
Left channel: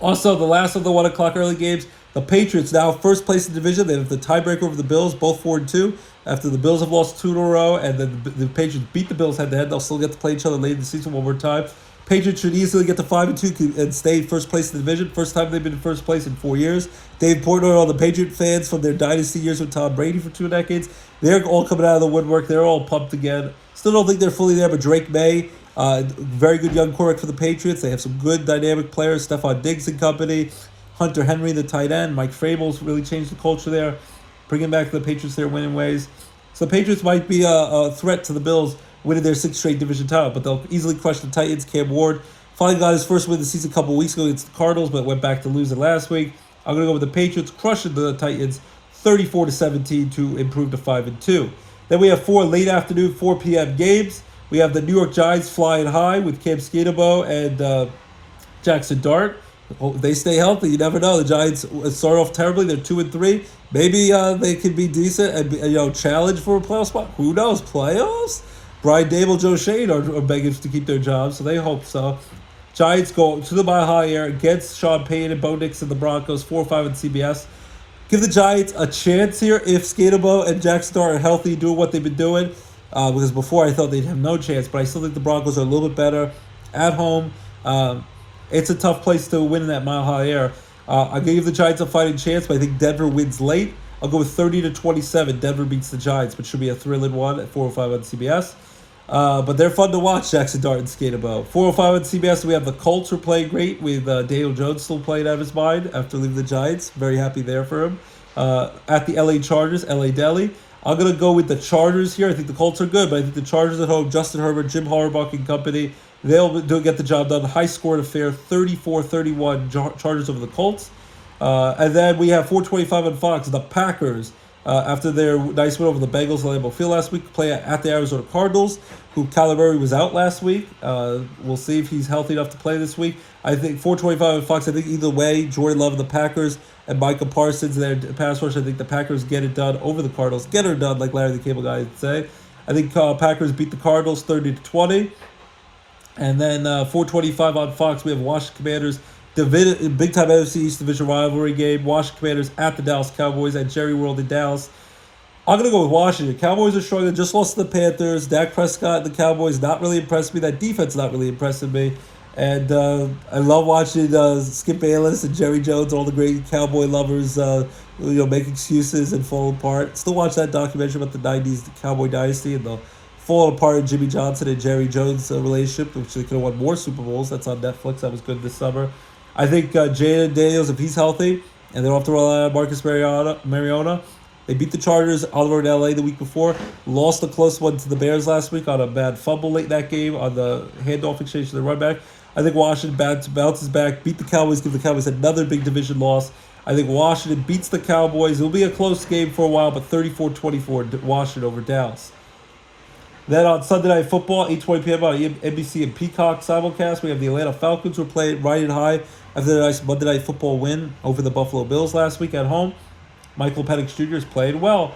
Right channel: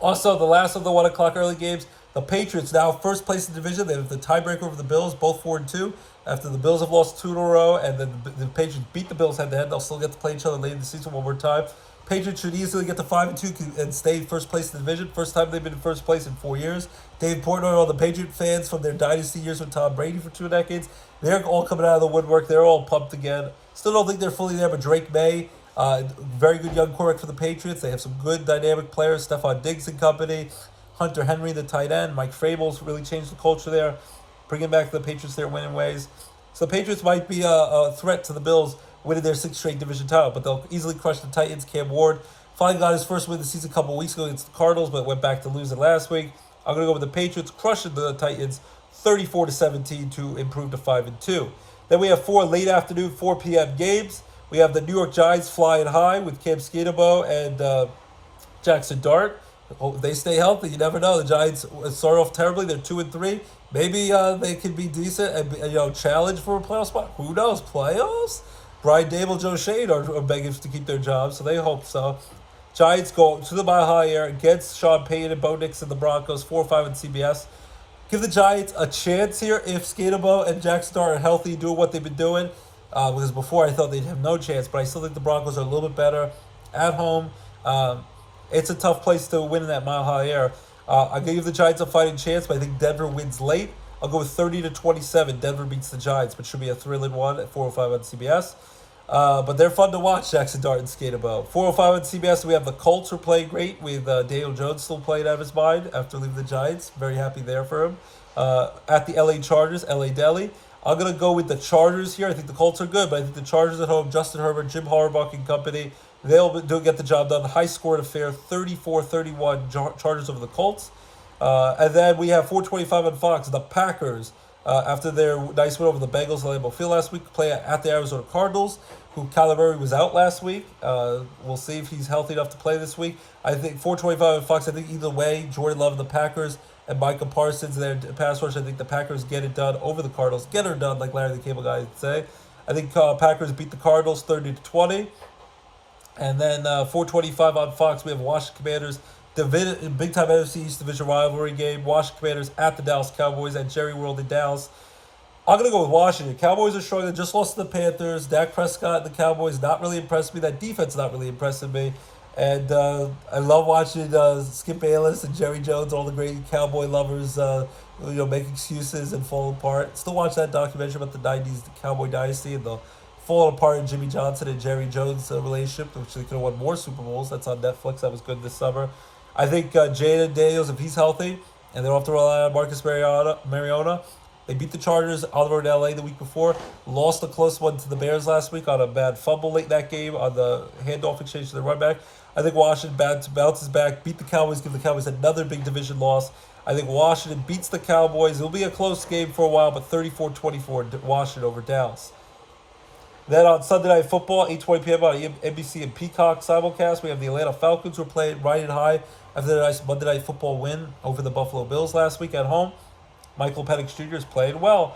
Also, the last of the 1 o'clock early games, the Patriots now first place in the division. They have the tiebreaker over the Bills, both 4-2. After the Bills have lost 2 in a row, and then the Patriots beat the Bills head-to-head, they'll still get to play each other late in the season one more time. Patriots should easily get to 5-2 and stay first place in the division. First time they've been in first place in 4 years. Dave Portnoy, all the Patriot fans from their dynasty years with Tom Brady for 2 decades, they're all coming out of the woodwork. They're all pumped again. Still don't think they're fully there, but Drake May, very good young quarterback for the Patriots. They have some good dynamic players, Stephon Diggs and company, Hunter Henry, the tight end, Mike Vrabel's really changed the culture there, bringing back the Patriots their winning ways. So the Patriots might be a threat to the Bills winning their 6th straight division title, but they'll easily crush the Titans. Cam Ward finally got his first win of the season a couple weeks ago against the Cardinals, but went back to losing last week. I'm going to go with the Patriots crushing the Titans 34-17 to improve to 5-2. Then we have 4 late afternoon, 4 p.m. games. We have the New York Giants flying high with Cam Skattebo and Jackson Dart. If they stay healthy, you never know. The Giants start off terribly. They're 2-3. Maybe they could be decent and challenge for a playoff spot. Who knows? Playoffs? Brian Dable, Joe Shane are begging to keep their jobs, so they hope so. Giants go to the Mile High Air against Sean Payton and Bo Nix and the Broncos, 4-5 on CBS. Give the Giants a chance here if Skattebo and Jackson Dart are healthy, doing what they've been doing. Because before I thought they'd have no chance, but I still think the Broncos are a little bit better at home. It's a tough place to win in that Mile High Air. I give the Giants a fighting chance, but I think Denver wins late. I'll go with 30-27. Denver beats the Giants, but should be a thrilling one at 4:05 on CBS. But they're fun to watch, Jackson Dart and Skattebo. 4:05 on CBS, we have the Colts who are playing great with Daniel Jones still playing out of his mind after leaving the Giants. Very happy there for him. At the LA Chargers, LA Deli. I'm going to go with the Chargers here. I think the Colts are good, but I think the Chargers at home, Justin Herbert, Jim Harbaugh and company, they'll get the job done. High-scored affair, 34-31 Chargers over the Colts. And then we have 4:25 on Fox, the Packers. After their nice win over the Bengals at Lambeau Field last week, play at the Arizona Cardinals, who Kyler Murray was out last week. We'll see if he's healthy enough to play this week. I think 4:25 on Fox, I think either way, Jordan Love and the Packers and Micah Parsons, their pass rush, I think the Packers get it done over the Cardinals. Get her done, like Larry the Cable Guy would say. I think Packers beat the Cardinals 30-20. And then 4:25 on Fox, we have Washington Commanders big time NFC East Division rivalry game. Washington Commanders at the Dallas Cowboys at Jerry World in Dallas. I'm going to go with Washington. Cowboys are struggling. Just lost to the Panthers. Dak Prescott, the Cowboys, not really impressed me. That defense not really impressing me. And I love watching Skip Bayless and Jerry Jones, all the great Cowboy lovers, make excuses and fall apart. Still watch that documentary about the 90s, the Cowboy Dynasty, and the falling apart of Jimmy Johnson and Jerry Jones relationship, which they could have won more Super Bowls. That's on Netflix. That was good this summer. I think Jaden Daniels, if he's healthy, and they don't have to rely on Marcus Mariota, they beat the Chargers on the road in LA the week before, lost a close one to the Bears last week on a bad fumble late in that game on the handoff exchange to the run back. I think Washington bounces back, beat the Cowboys, give the Cowboys another big division loss. I think Washington beats the Cowboys. It'll be a close game for a while, but 34-24 Washington over Dallas. Then on Sunday Night Football, 8:20 p.m. on NBC and Peacock simulcast, we have the Atlanta Falcons who are playing riding high after their nice Monday Night Football win over the Buffalo Bills last week at home. Michael Penix Jr. is playing well.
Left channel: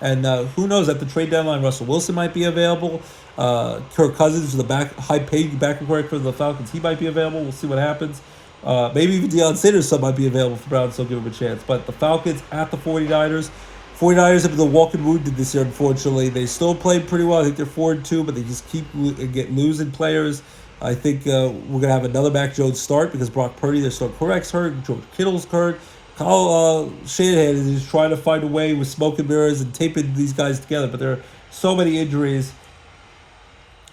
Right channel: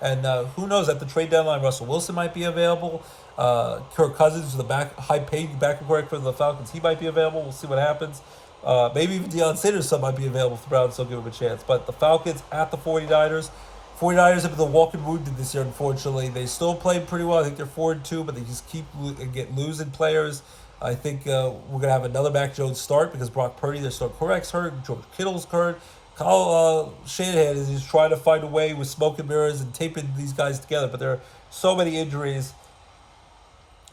And who knows, at the trade deadline, Russell Wilson might be available. Kirk Cousins, the high-paid backup quarterback for the Falcons, he might be available. We'll see what happens. Maybe even Deion Sanders might be available for Browns, so give him a chance. But the Falcons at the 49ers. 49ers have been the walking wounded this year, unfortunately. They still play pretty well. I think they're 4-2, but they just keep losing players. I think we're going to have another Mac Jones start because Brock Purdy, their starting quarterback's hurt. George Kittle's hurt. Kyle Shanahan is trying to find a way with smoke and mirrors and taping these guys together, but there are so many injuries.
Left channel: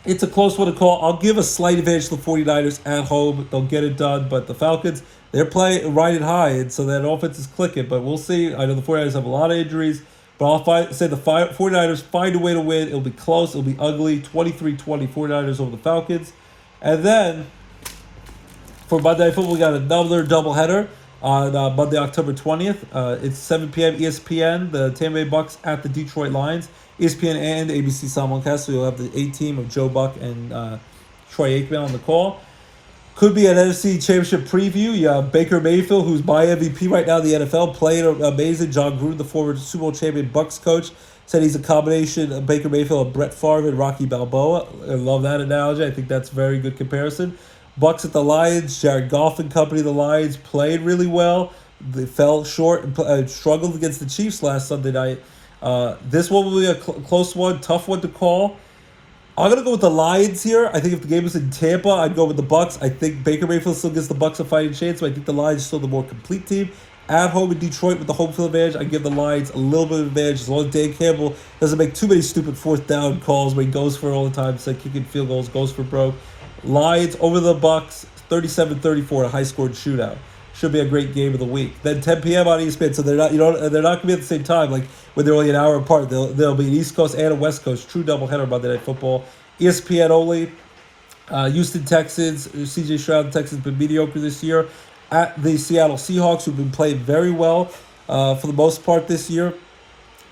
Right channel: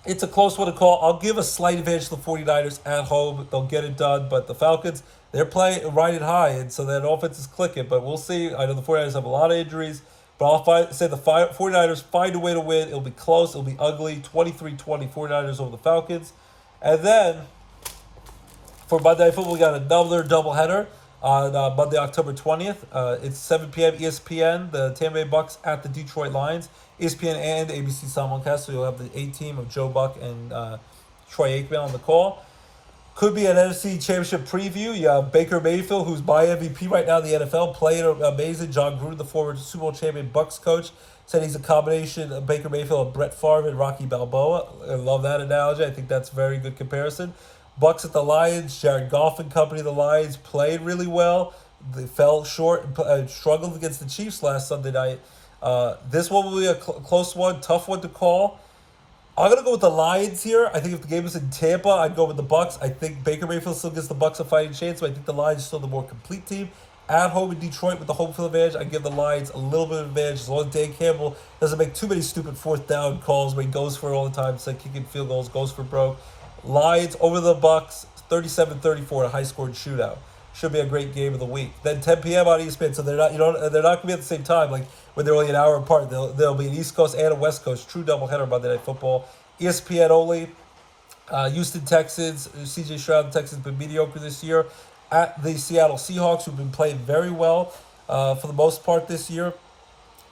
It's a close one to call. I'll give a slight advantage to the 49ers at home. They'll get it done, but the Falcons, they're playing riding high, and so that offense is clicking, but we'll see. I know the 49ers have a lot of injuries, but I'll say the 49ers find a way to win. It'll be close. It'll be ugly. 23-20 49ers over the Falcons. And then for Monday Night Football, we got another doubleheader on Monday, October 20th. It's 7 p.m. ESPN, the Tampa Bay Bucks at the Detroit Lions. ESPN and ABC simulcast, so you'll have the A-team of Joe Buck and Troy Aikman on the call. Could be an NFC Championship preview. You have Baker Mayfield, who's my MVP right now in the NFL, playing amazing. John Gruden, the former Super Bowl champion Bucks coach, said he's a combination of Baker Mayfield, Brett Favre, and Rocky Balboa. I love that analogy. I think that's a very good comparison. Bucks at the Lions, Jared Goff and company. The Lions played really well. They fell short and struggled against the Chiefs last Sunday night. This one will be a close one, tough one to call. I'm going to go with the Lions here. I think if the game was in Tampa, I'd go with the Bucks. I think Baker Mayfield still gives the Bucks a fighting chance, but I think the Lions are still the more complete team. At home in Detroit with the home field advantage, I give the Lions a little bit of advantage as long as Dan Campbell doesn't make too many stupid fourth down calls where he goes for it all the time, instead of kicking field goals, goes for broke. Lions over the Bucks, 37-34, a high-scored shootout. Should be a great game of the week. Then 10 p.m. on ESPN, so they're not going to be at the same time. Like when they're only an hour apart, there'll be an East Coast and a West Coast true doubleheader Monday Night Football. ESPN only. Houston Texans, C.J. Stroud, the Texans been mediocre this year. At the Seattle Seahawks, who've been playing very well for the most part this year.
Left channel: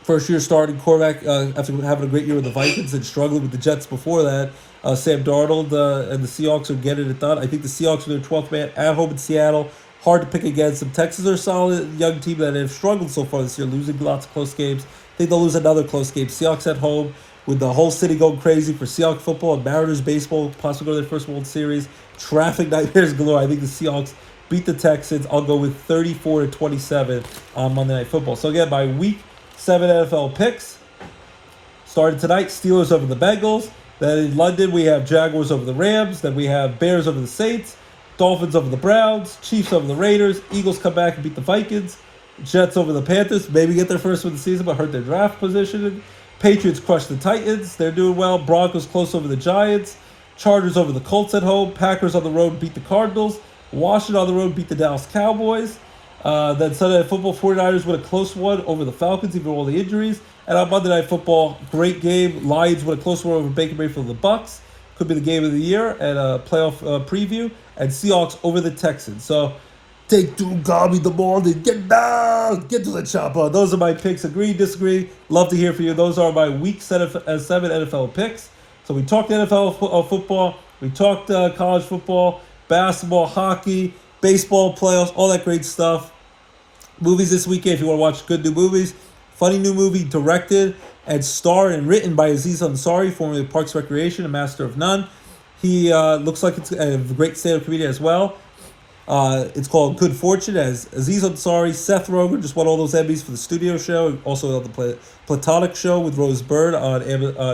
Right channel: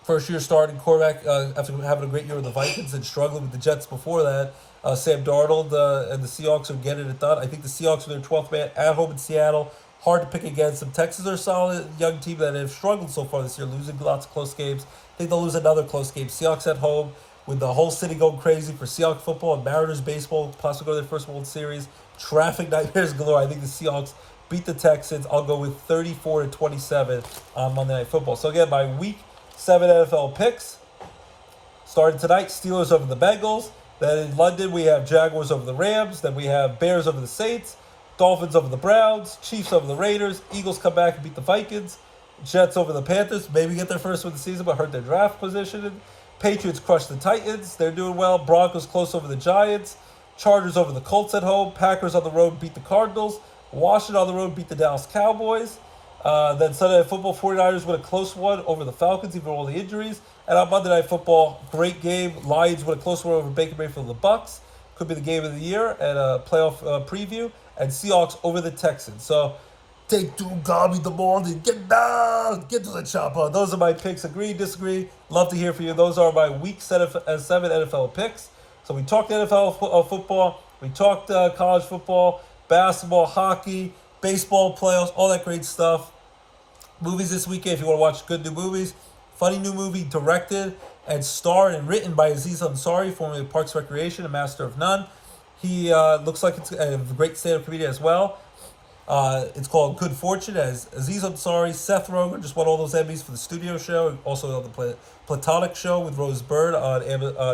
First year starting quarterback after having a great year with the Vikings and struggling with the Jets before that. Sam Darnold and the Seahawks are getting it done. I think the Seahawks are their 12th man at home in Seattle. Hard to pick against them. Texans are a solid young team that have struggled so far this year, losing lots of close games. I think they'll lose another close game. Seahawks at home with the whole city going crazy for Seahawks football and Mariners baseball, possibly go to their first World Series. Traffic nightmares galore. I think the Seahawks beat the Texans. I'll go with 34-27 on Monday Night Football. So again, my Week 7 NFL picks started tonight. Steelers over the Bengals. Then in London, we have Jaguars over the Rams. Then we have Bears over the Saints. Dolphins over the Browns. Chiefs over the Raiders. Eagles come back and beat the Vikings. Jets over the Panthers. Maybe get their first win of the season, but hurt their draft position. Patriots crush the Titans. They're doing well. Broncos close over the Giants. Chargers over the Colts at home. Packers on the road beat the Cardinals. Washington on the road beat the Dallas Cowboys. Then Sunday Night Football, 49ers win a close one over the Falcons, even with all the injuries. And on Monday Night Football, great game. Lions win a close one over Baker Mayfield and the Bucks. Could be the game of the year and a playoff preview. And Seahawks over the Texans. So take two, Gobby the ball, and get down, get to the chopper. Those are my picks. Agree, disagree. Love to hear from you. Those are my Week 7 NFL picks. So we talked NFL football. We talked college football, basketball, hockey, baseball playoffs, all that great stuff. Movies this weekend, if you want to watch good new movies. Funny new movie directed and starred and written by Aziz Ansari, formerly of Parks Recreation, a master of none. He looks like it's a great stand-up comedian as well. It's called Good Fortune, as Aziz Ansari, Seth Rogen just won all those Emmys for the studio show. Also the Platonic Show with Rose Byrne on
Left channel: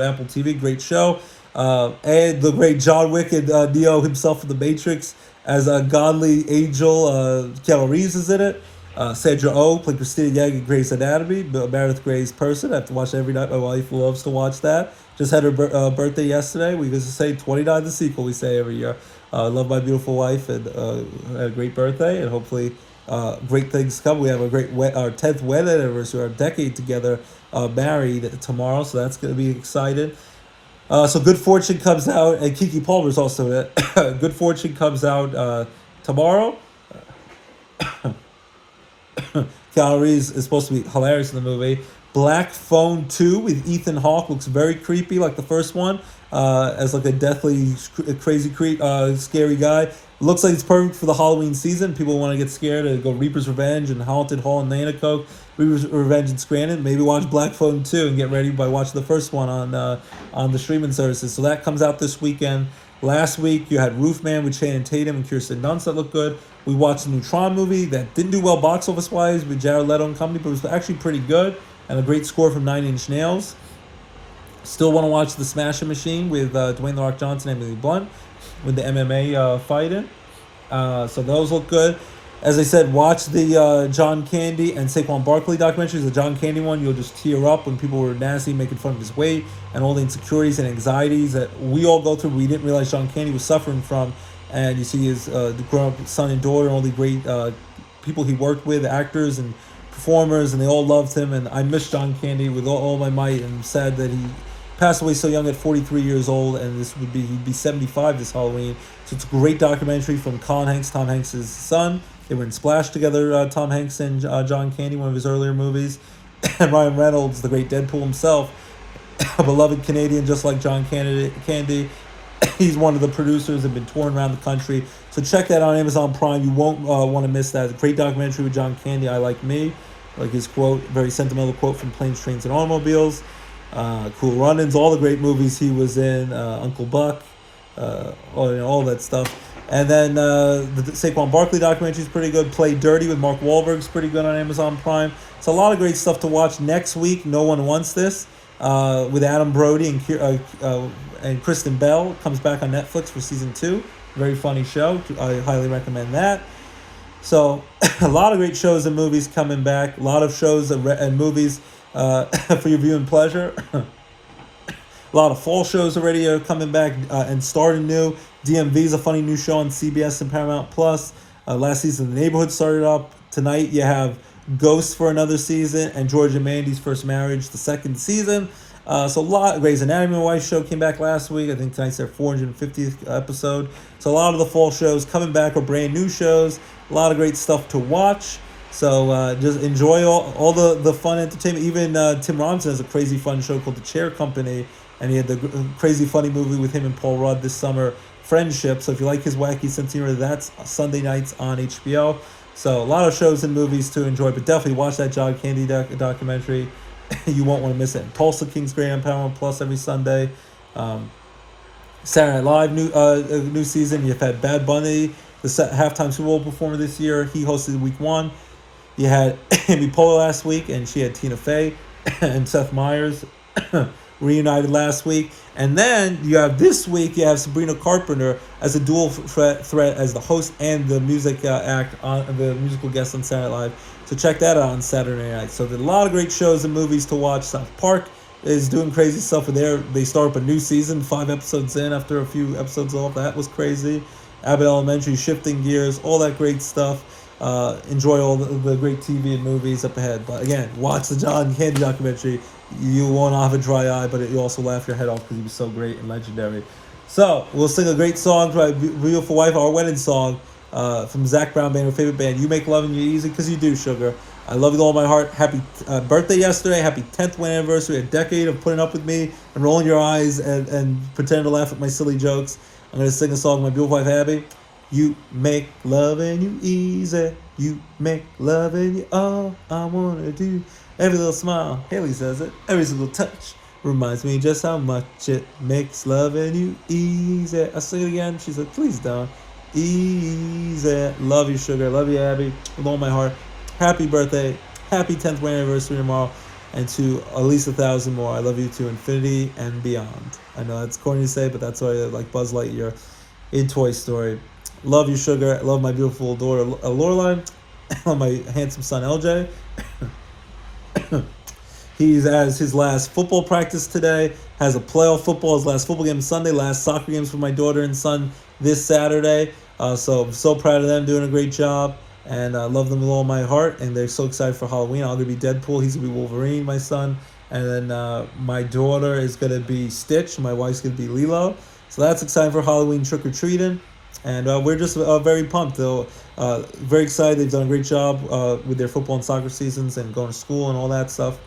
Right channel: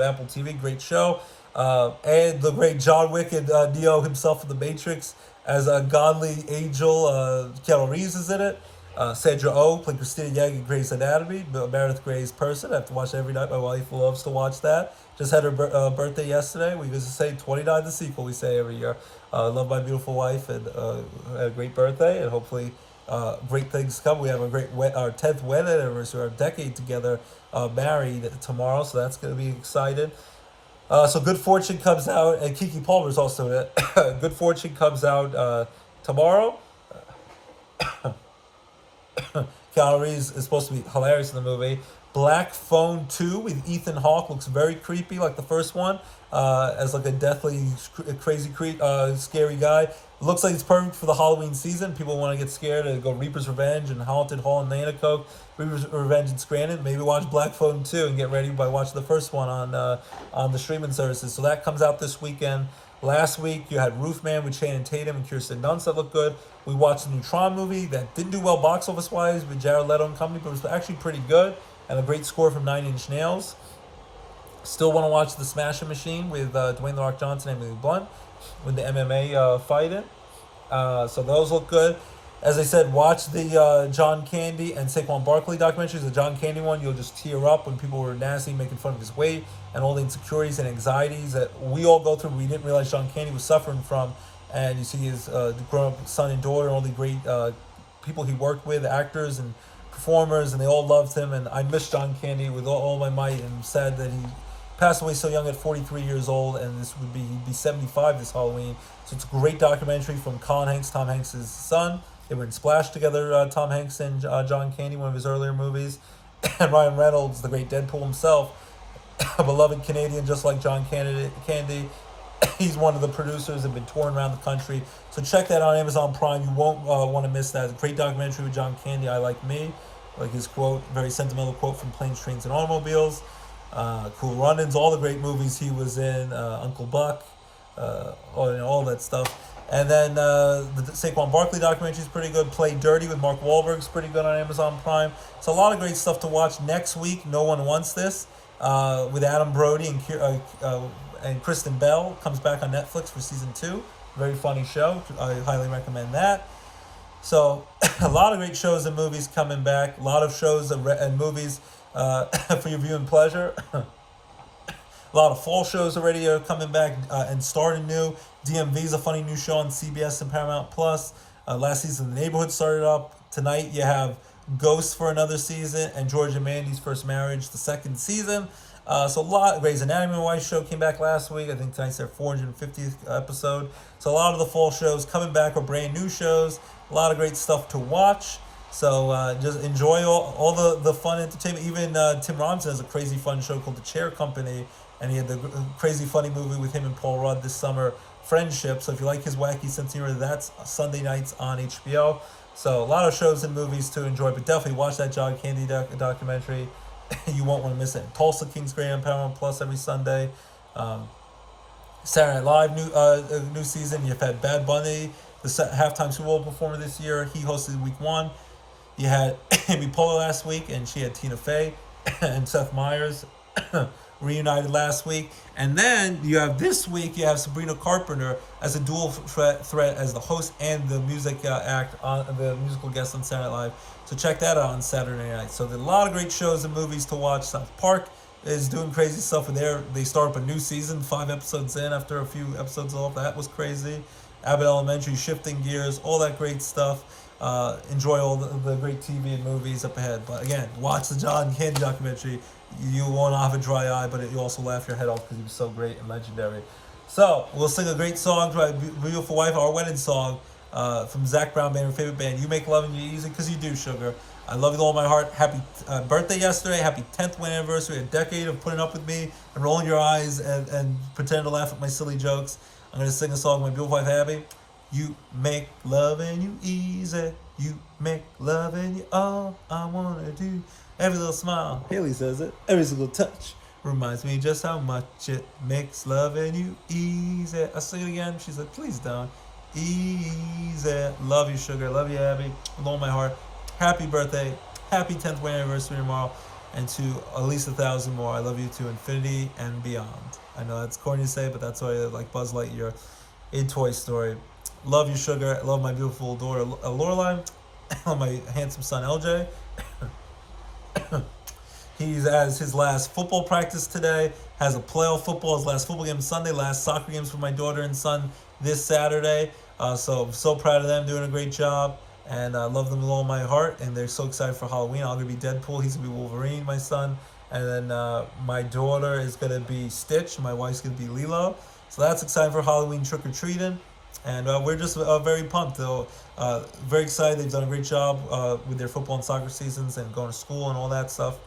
Apple TV. Great show. And the great John Wick and Neo himself in The Matrix as a godly angel. Keanu Reeves is in it. Sandra Oh played Christina Yang in Grey's Anatomy, Meredith Grey's person. I have to watch it every night. My wife loves to watch that. Just had her birthday yesterday. We used to say 29 the sequel, we say every year. I love my beautiful wife and had a great birthday, and hopefully great things come. We have our 10th wedding anniversary, our decade together, married tomorrow, so that's going to be exciting. So Good Fortune comes out, and Keke Palmer's also in it. Good Fortune comes out tomorrow. Keanu Reeves is supposed to be hilarious in the movie. Black Phone 2 with Ethan Hawke looks very creepy, like the first one, as like a deathly, crazy, scary guy. Looks like it's perfect for the Halloween season. People want to get scared and go Reaper's Revenge and Haunted Hall in Nanaco, Reaper's Revenge in Scranton. Maybe watch Black Phone 2 and get ready by watching the first one on the streaming services. So that comes out this weekend. Last week, you had Roofman with Channing Tatum and Kirsten Dunst that looked good. We watched the new Tron movie that didn't do well box office-wise with Jared Leto and company, but it was actually pretty good. And a great score from 9 Inch Nails. Still want to watch The Smashing Machine with Dwayne The Rock Johnson and Emily Blunt with the MMA fighting. So those look good. As I said, watch the John Candy and Saquon Barkley documentaries. The John Candy one, you'll just tear up when people were nasty, making fun of his weight and all the insecurities and anxieties that we all go through. We didn't realize John Candy was suffering from. And you see his grown-up son and daughter and all the great people he worked with, actors and performers, and they all loved him. And I miss John Candy with all my might, and I'm sad that he passed away so young at 43 years old, and he'd be 75 this Halloween. So it's a great documentary from Colin Hanks, Tom Hanks' son. They were in Splash together, Tom Hanks and John Candy, one of his earlier movies. And Ryan Reynolds, the great Deadpool himself, a beloved Canadian just like John Candy. He's one of the producers and been touring around the country. So check that out on Amazon Prime. You won't want to miss that. It's a great documentary with John Candy, I Like Me. Like his quote, very sentimental quote from Planes, Trains, and Automobiles. Cool Runnings, all the great movies he was in. Uncle Buck, all that stuff. And then the Saquon Barkley documentary is pretty good. Play Dirty with Mark Wahlberg is pretty good on Amazon Prime. It's a lot of great stuff to watch. Next week, No One Wants This with Adam Brody and Kristen Bell comes back on Netflix for season 2. Very funny show. I highly recommend that. So a lot of great shows and movies coming back. A lot of shows and movies for your viewing pleasure. A lot of fall shows already are coming back and starting new. DMV is a funny new show on CBS and Paramount Plus. Last season, The Neighborhood started up. Tonight, you have Ghosts for another season and George and Mandy's First Marriage, the second season. So a lot of Grey's Anatomy and Wife show came back last week. I think tonight's their 450th episode. So a lot of the fall shows coming back are brand new shows. A lot of great stuff to watch. So just enjoy all the fun entertainment. Even Tim Robinson has a crazy fun show called The Chair Company. And he had the crazy funny movie with him and Paul Rudd this summer, Friendship. So if you like his wacky sense of humor, that's Sunday nights on HBO. So a lot of shows and movies to enjoy. But definitely watch that John Candy documentary. You won't want to miss it. Tulsa King's Gray on Paramount Plus every Sunday. Saturday Night Live new season. You've had Bad Bunny, the halftime Super Bowl performer this year. He hosted week 1. You had Amy Poehler last week, and she had Tina Fey and Seth Meyers reunited last week. And then you have this week, you have Sabrina Carpenter as a dual threat as the host and the music act on the musical guest on Saturday Night Live. So check that out on Saturday night. So there's a lot of great shows and movies to watch. South Park is doing crazy stuff with they start up a new season 5 episodes in after a few episodes off. That was crazy. Abbott Elementary, shifting gears, all that great stuff. Enjoy all the great TV and movies up ahead. But again, watch the John Candy documentary. You won't have a dry eye, but you also laugh your head off because he was so great and legendary. So we'll sing a great song for my beautiful wife, our wedding song, from Zach Brown Band, her favorite band. You Make Loving You Easy, because you do, sugar. I love you with all my heart. Happy birthday yesterday. Happy 10th wedding anniversary. A decade of putting up with me and rolling your eyes and pretending to laugh at my silly jokes. I'm going to sing a song with my beautiful wife, Abby. You make loving you easy. You make loving you all I want to do. Every little smile, Haley says it. Every single touch reminds me just how much it makes loving you easy. I sing it again. She said, please don't. Easy. Love you, sugar. Love you, Abby. With all my heart. Happy birthday. Happy 10th wedding anniversary tomorrow. And to at least 1,000 more. I love you to infinity and beyond. I know that's corny to say, but that's why I like Buzz Lightyear in Toy Story. Love you, sugar. I love my beautiful daughter, Lorelai. I love my handsome son, LJ. He's at his last football practice today. Has a playoff football. His last football game Sunday. Last soccer games for my daughter and son this Saturday. So I'm so proud of them, doing a great job, and I love them with all my heart. And they're so excited for Halloween. I'm gonna be Deadpool. He's gonna be Wolverine, my son, and then my daughter is gonna be Stitch. My wife's gonna be Lilo. So that's exciting for Halloween trick or treating, and we're just very pumped. Though, very excited. They've done a great job with their football and soccer seasons and going to school and all that stuff.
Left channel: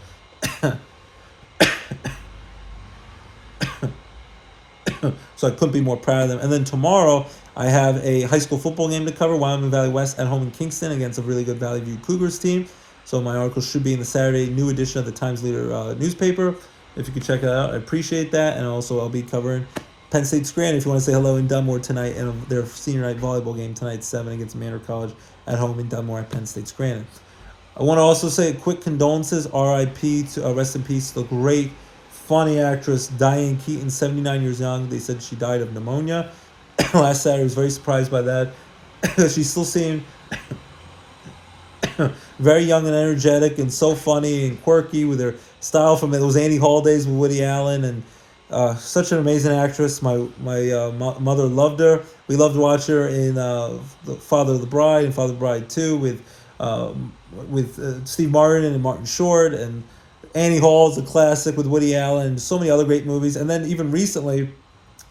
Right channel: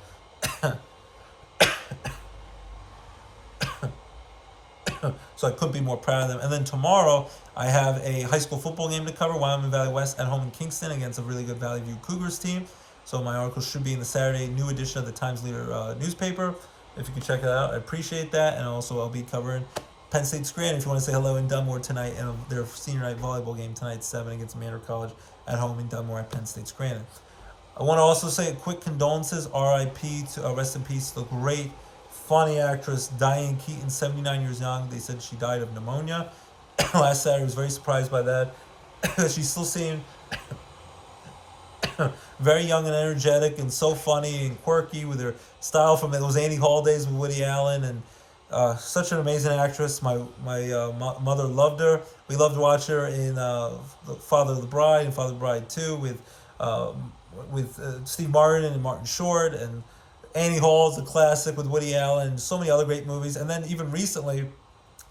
So I couldn't be more proud of them. And then tomorrow I have a high school football game to cover. Wyoming Valley West at home in Kingston against a really good Valley View Cougars team. So my article should be in the Saturday new edition of the Times Leader newspaper. If you could check it out, I appreciate that. And also I'll be covering Penn State Scranton if you want to say hello in Dunmore tonight, and their senior night volleyball game tonight 7 against Manor College at home in Dunmore at Penn State Scranton. I want to also say a quick condolences, R.I.P. to rest in peace, the great funny actress Diane Keaton, 79 years young. They said she died of pneumonia. Last Saturday, I was very surprised by that. She still seemed very young and energetic and so funny and quirky with her style from those Annie Hall days with Woody Allen, and such an amazing actress. My mother loved her. We loved to watch her in The Father of the Bride and Father of the Bride 2 with Steve Martin and Martin Short, and Annie Hall is a classic with Woody Allen, and so many other great movies. And then even recently,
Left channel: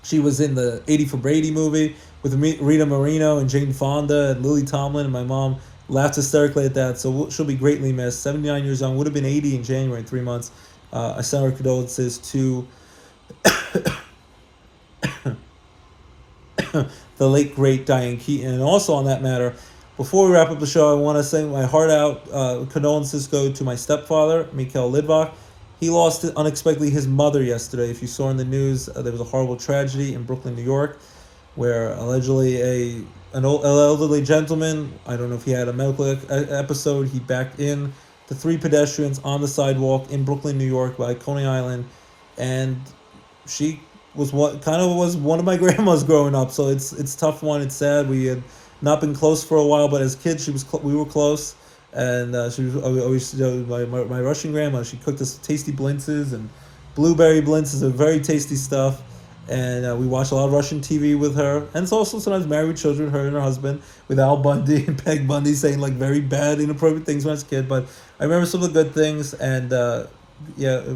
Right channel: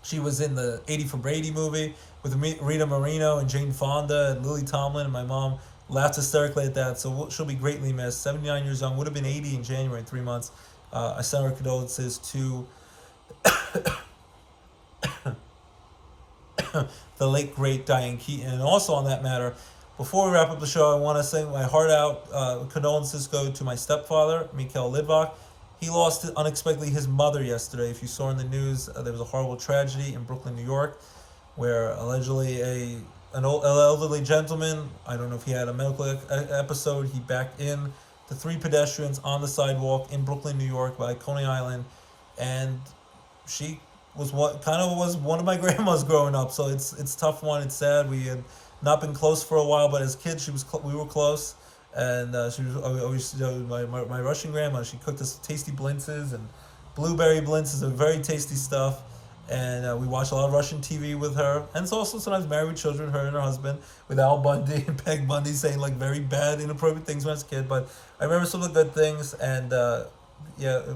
she was in the 80 for Brady movie with Rita Moreno and Jane Fonda and Lily Tomlin, and my mom laughed hysterically at that. So she'll be greatly missed. 79 years young, would have been 80 in January in 3 months. I send our condolences to the late, great Diane Keaton. And also on that matter, before we wrap up the show, I want to sing my heart out. Condolences go to my stepfather, Mikhail Lidvak. He lost unexpectedly his mother yesterday. If you saw in the news, there was a horrible tragedy in Brooklyn, New York, where allegedly an elderly gentleman, I don't know if he had a medical episode, he backed in the 3 pedestrians on the sidewalk in Brooklyn, New York by Coney Island, and she was one of my grandmas growing up. So it's a tough one. It's sad. We had not been close for a while, but as kids, we were close. And she was always, my Russian grandma. She cooked us tasty blintzes, and blueberry blintzes are very tasty stuff. And we watched a lot of Russian TV with her. And it's also sometimes married children, her and her husband, with Al Bundy and Peg Bundy saying like very bad, inappropriate things when I was a kid. But I remember some of the good things. And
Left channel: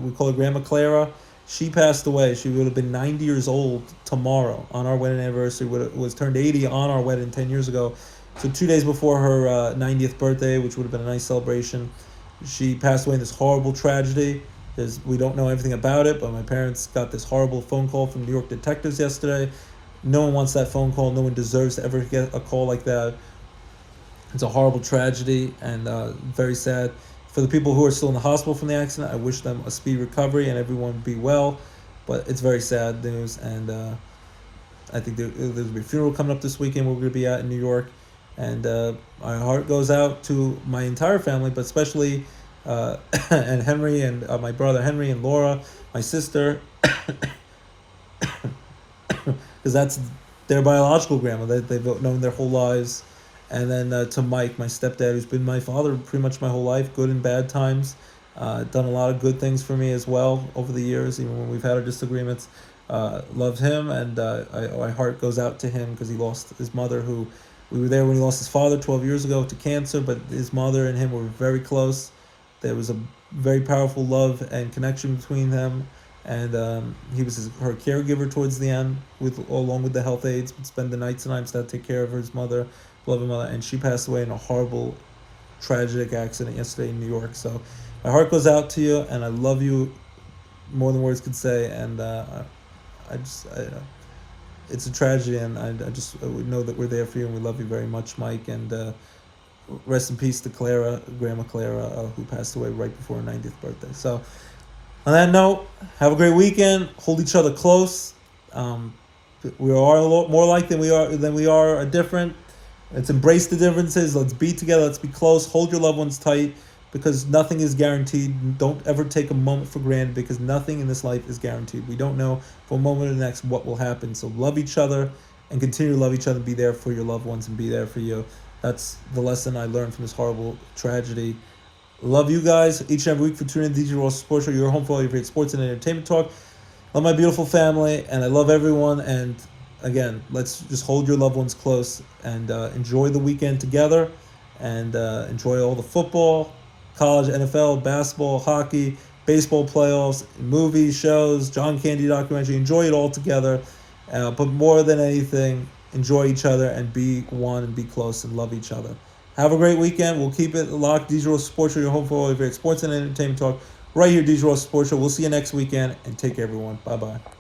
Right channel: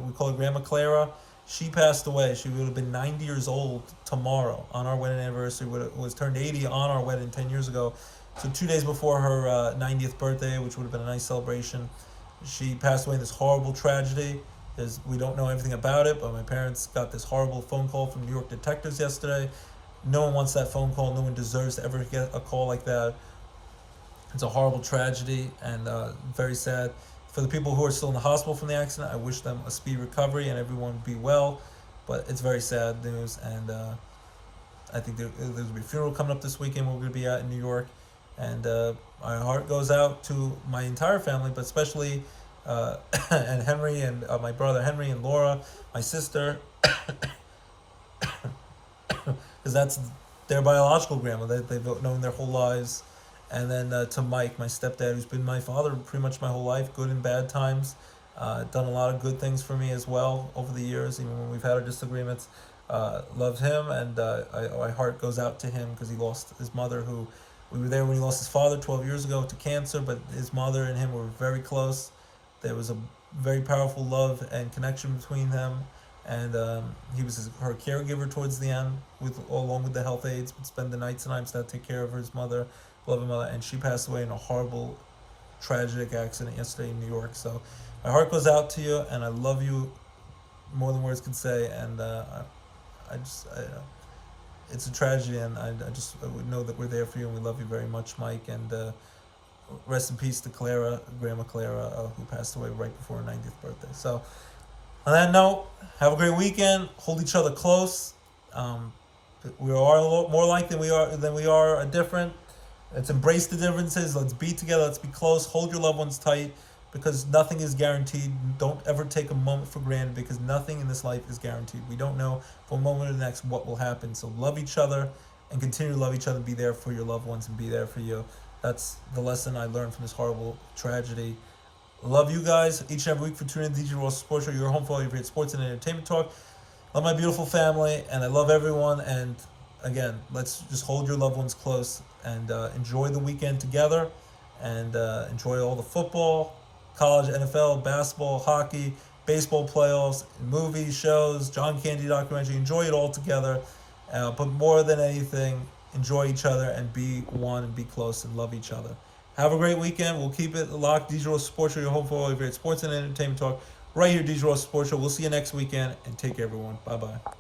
we call her Grandma Clara. She passed away. She would have been 90 years old tomorrow on our wedding anniversary. Was turned 80 on our wedding 10 years ago. So 2 days before her 90th birthday, which would have been a nice celebration, she passed away in this horrible tragedy. We don't know anything about it, but my parents got this horrible phone call from New York detectives yesterday. No one wants that phone call. No one deserves to ever get a call like that. It's a horrible tragedy and very sad. For the people who are still in the hospital from the accident, I wish them a speedy recovery and everyone be well. But it's very sad news, and I think there's going to be a funeral coming up this weekend. We're going to be at in New York. And my heart goes out to my entire family, but especially and Henry and my brother Henry and Laura, my sister, because that's their biological grandma that they've known their whole lives. And then to Mike, my stepdad, who's been my father pretty much my whole life, good and bad times, done a lot of good things for me as well over the years, even when we've had our disagreements. Loved him, and my heart goes out to him because he lost his mother, who we were there when he lost his father 12 years ago to cancer, but his mother and him were very close. There was a very powerful love and connection between them, and he was her caregiver towards the end, along with the health aides, would spend the nights and nights to take care of his mother, beloved mother, and she passed away in a horrible, tragic accident yesterday in New York. So my heart goes out to you, and I love you more than words could say, and it's a tragedy, and I would know that we're there for you, and we love you very much, Mike. And rest in peace to Clara, Grandma Clara, who passed away right before her 90th birthday. So on that note, have a great weekend. Hold each other close. We are a lot more alike than we are different. Let's embrace the differences. Let's be together. Let's be close. Hold your loved ones tight, because nothing is guaranteed. Don't ever take a moment for granted, because nothing in this life is guaranteed. We don't know from one moment to the next what will happen. So love each other and continue to love each other. Be there for your loved ones and be there for you. That's the lesson I learned from this horrible tragedy. Love you guys each and every week for tuning in to DJ Roscoe Sports Show, your home for all your favorite sports and entertainment talk. Love my beautiful family, and I love everyone. And again, let's just hold your loved ones close and enjoy the weekend together, and enjoy all the football, college, NFL, basketball, hockey, baseball playoffs, movies, shows, John Candy documentary. Enjoy it all together. But more than anything, enjoy each other and be one and be close and love each other. Have a great weekend. We'll keep it locked. DJ Roscoe Sports Show, your home for all your favorite sports and entertainment talk. Right here, DJ Roscoe Sports Show. We'll see you next weekend, and take care, everyone. Bye-bye.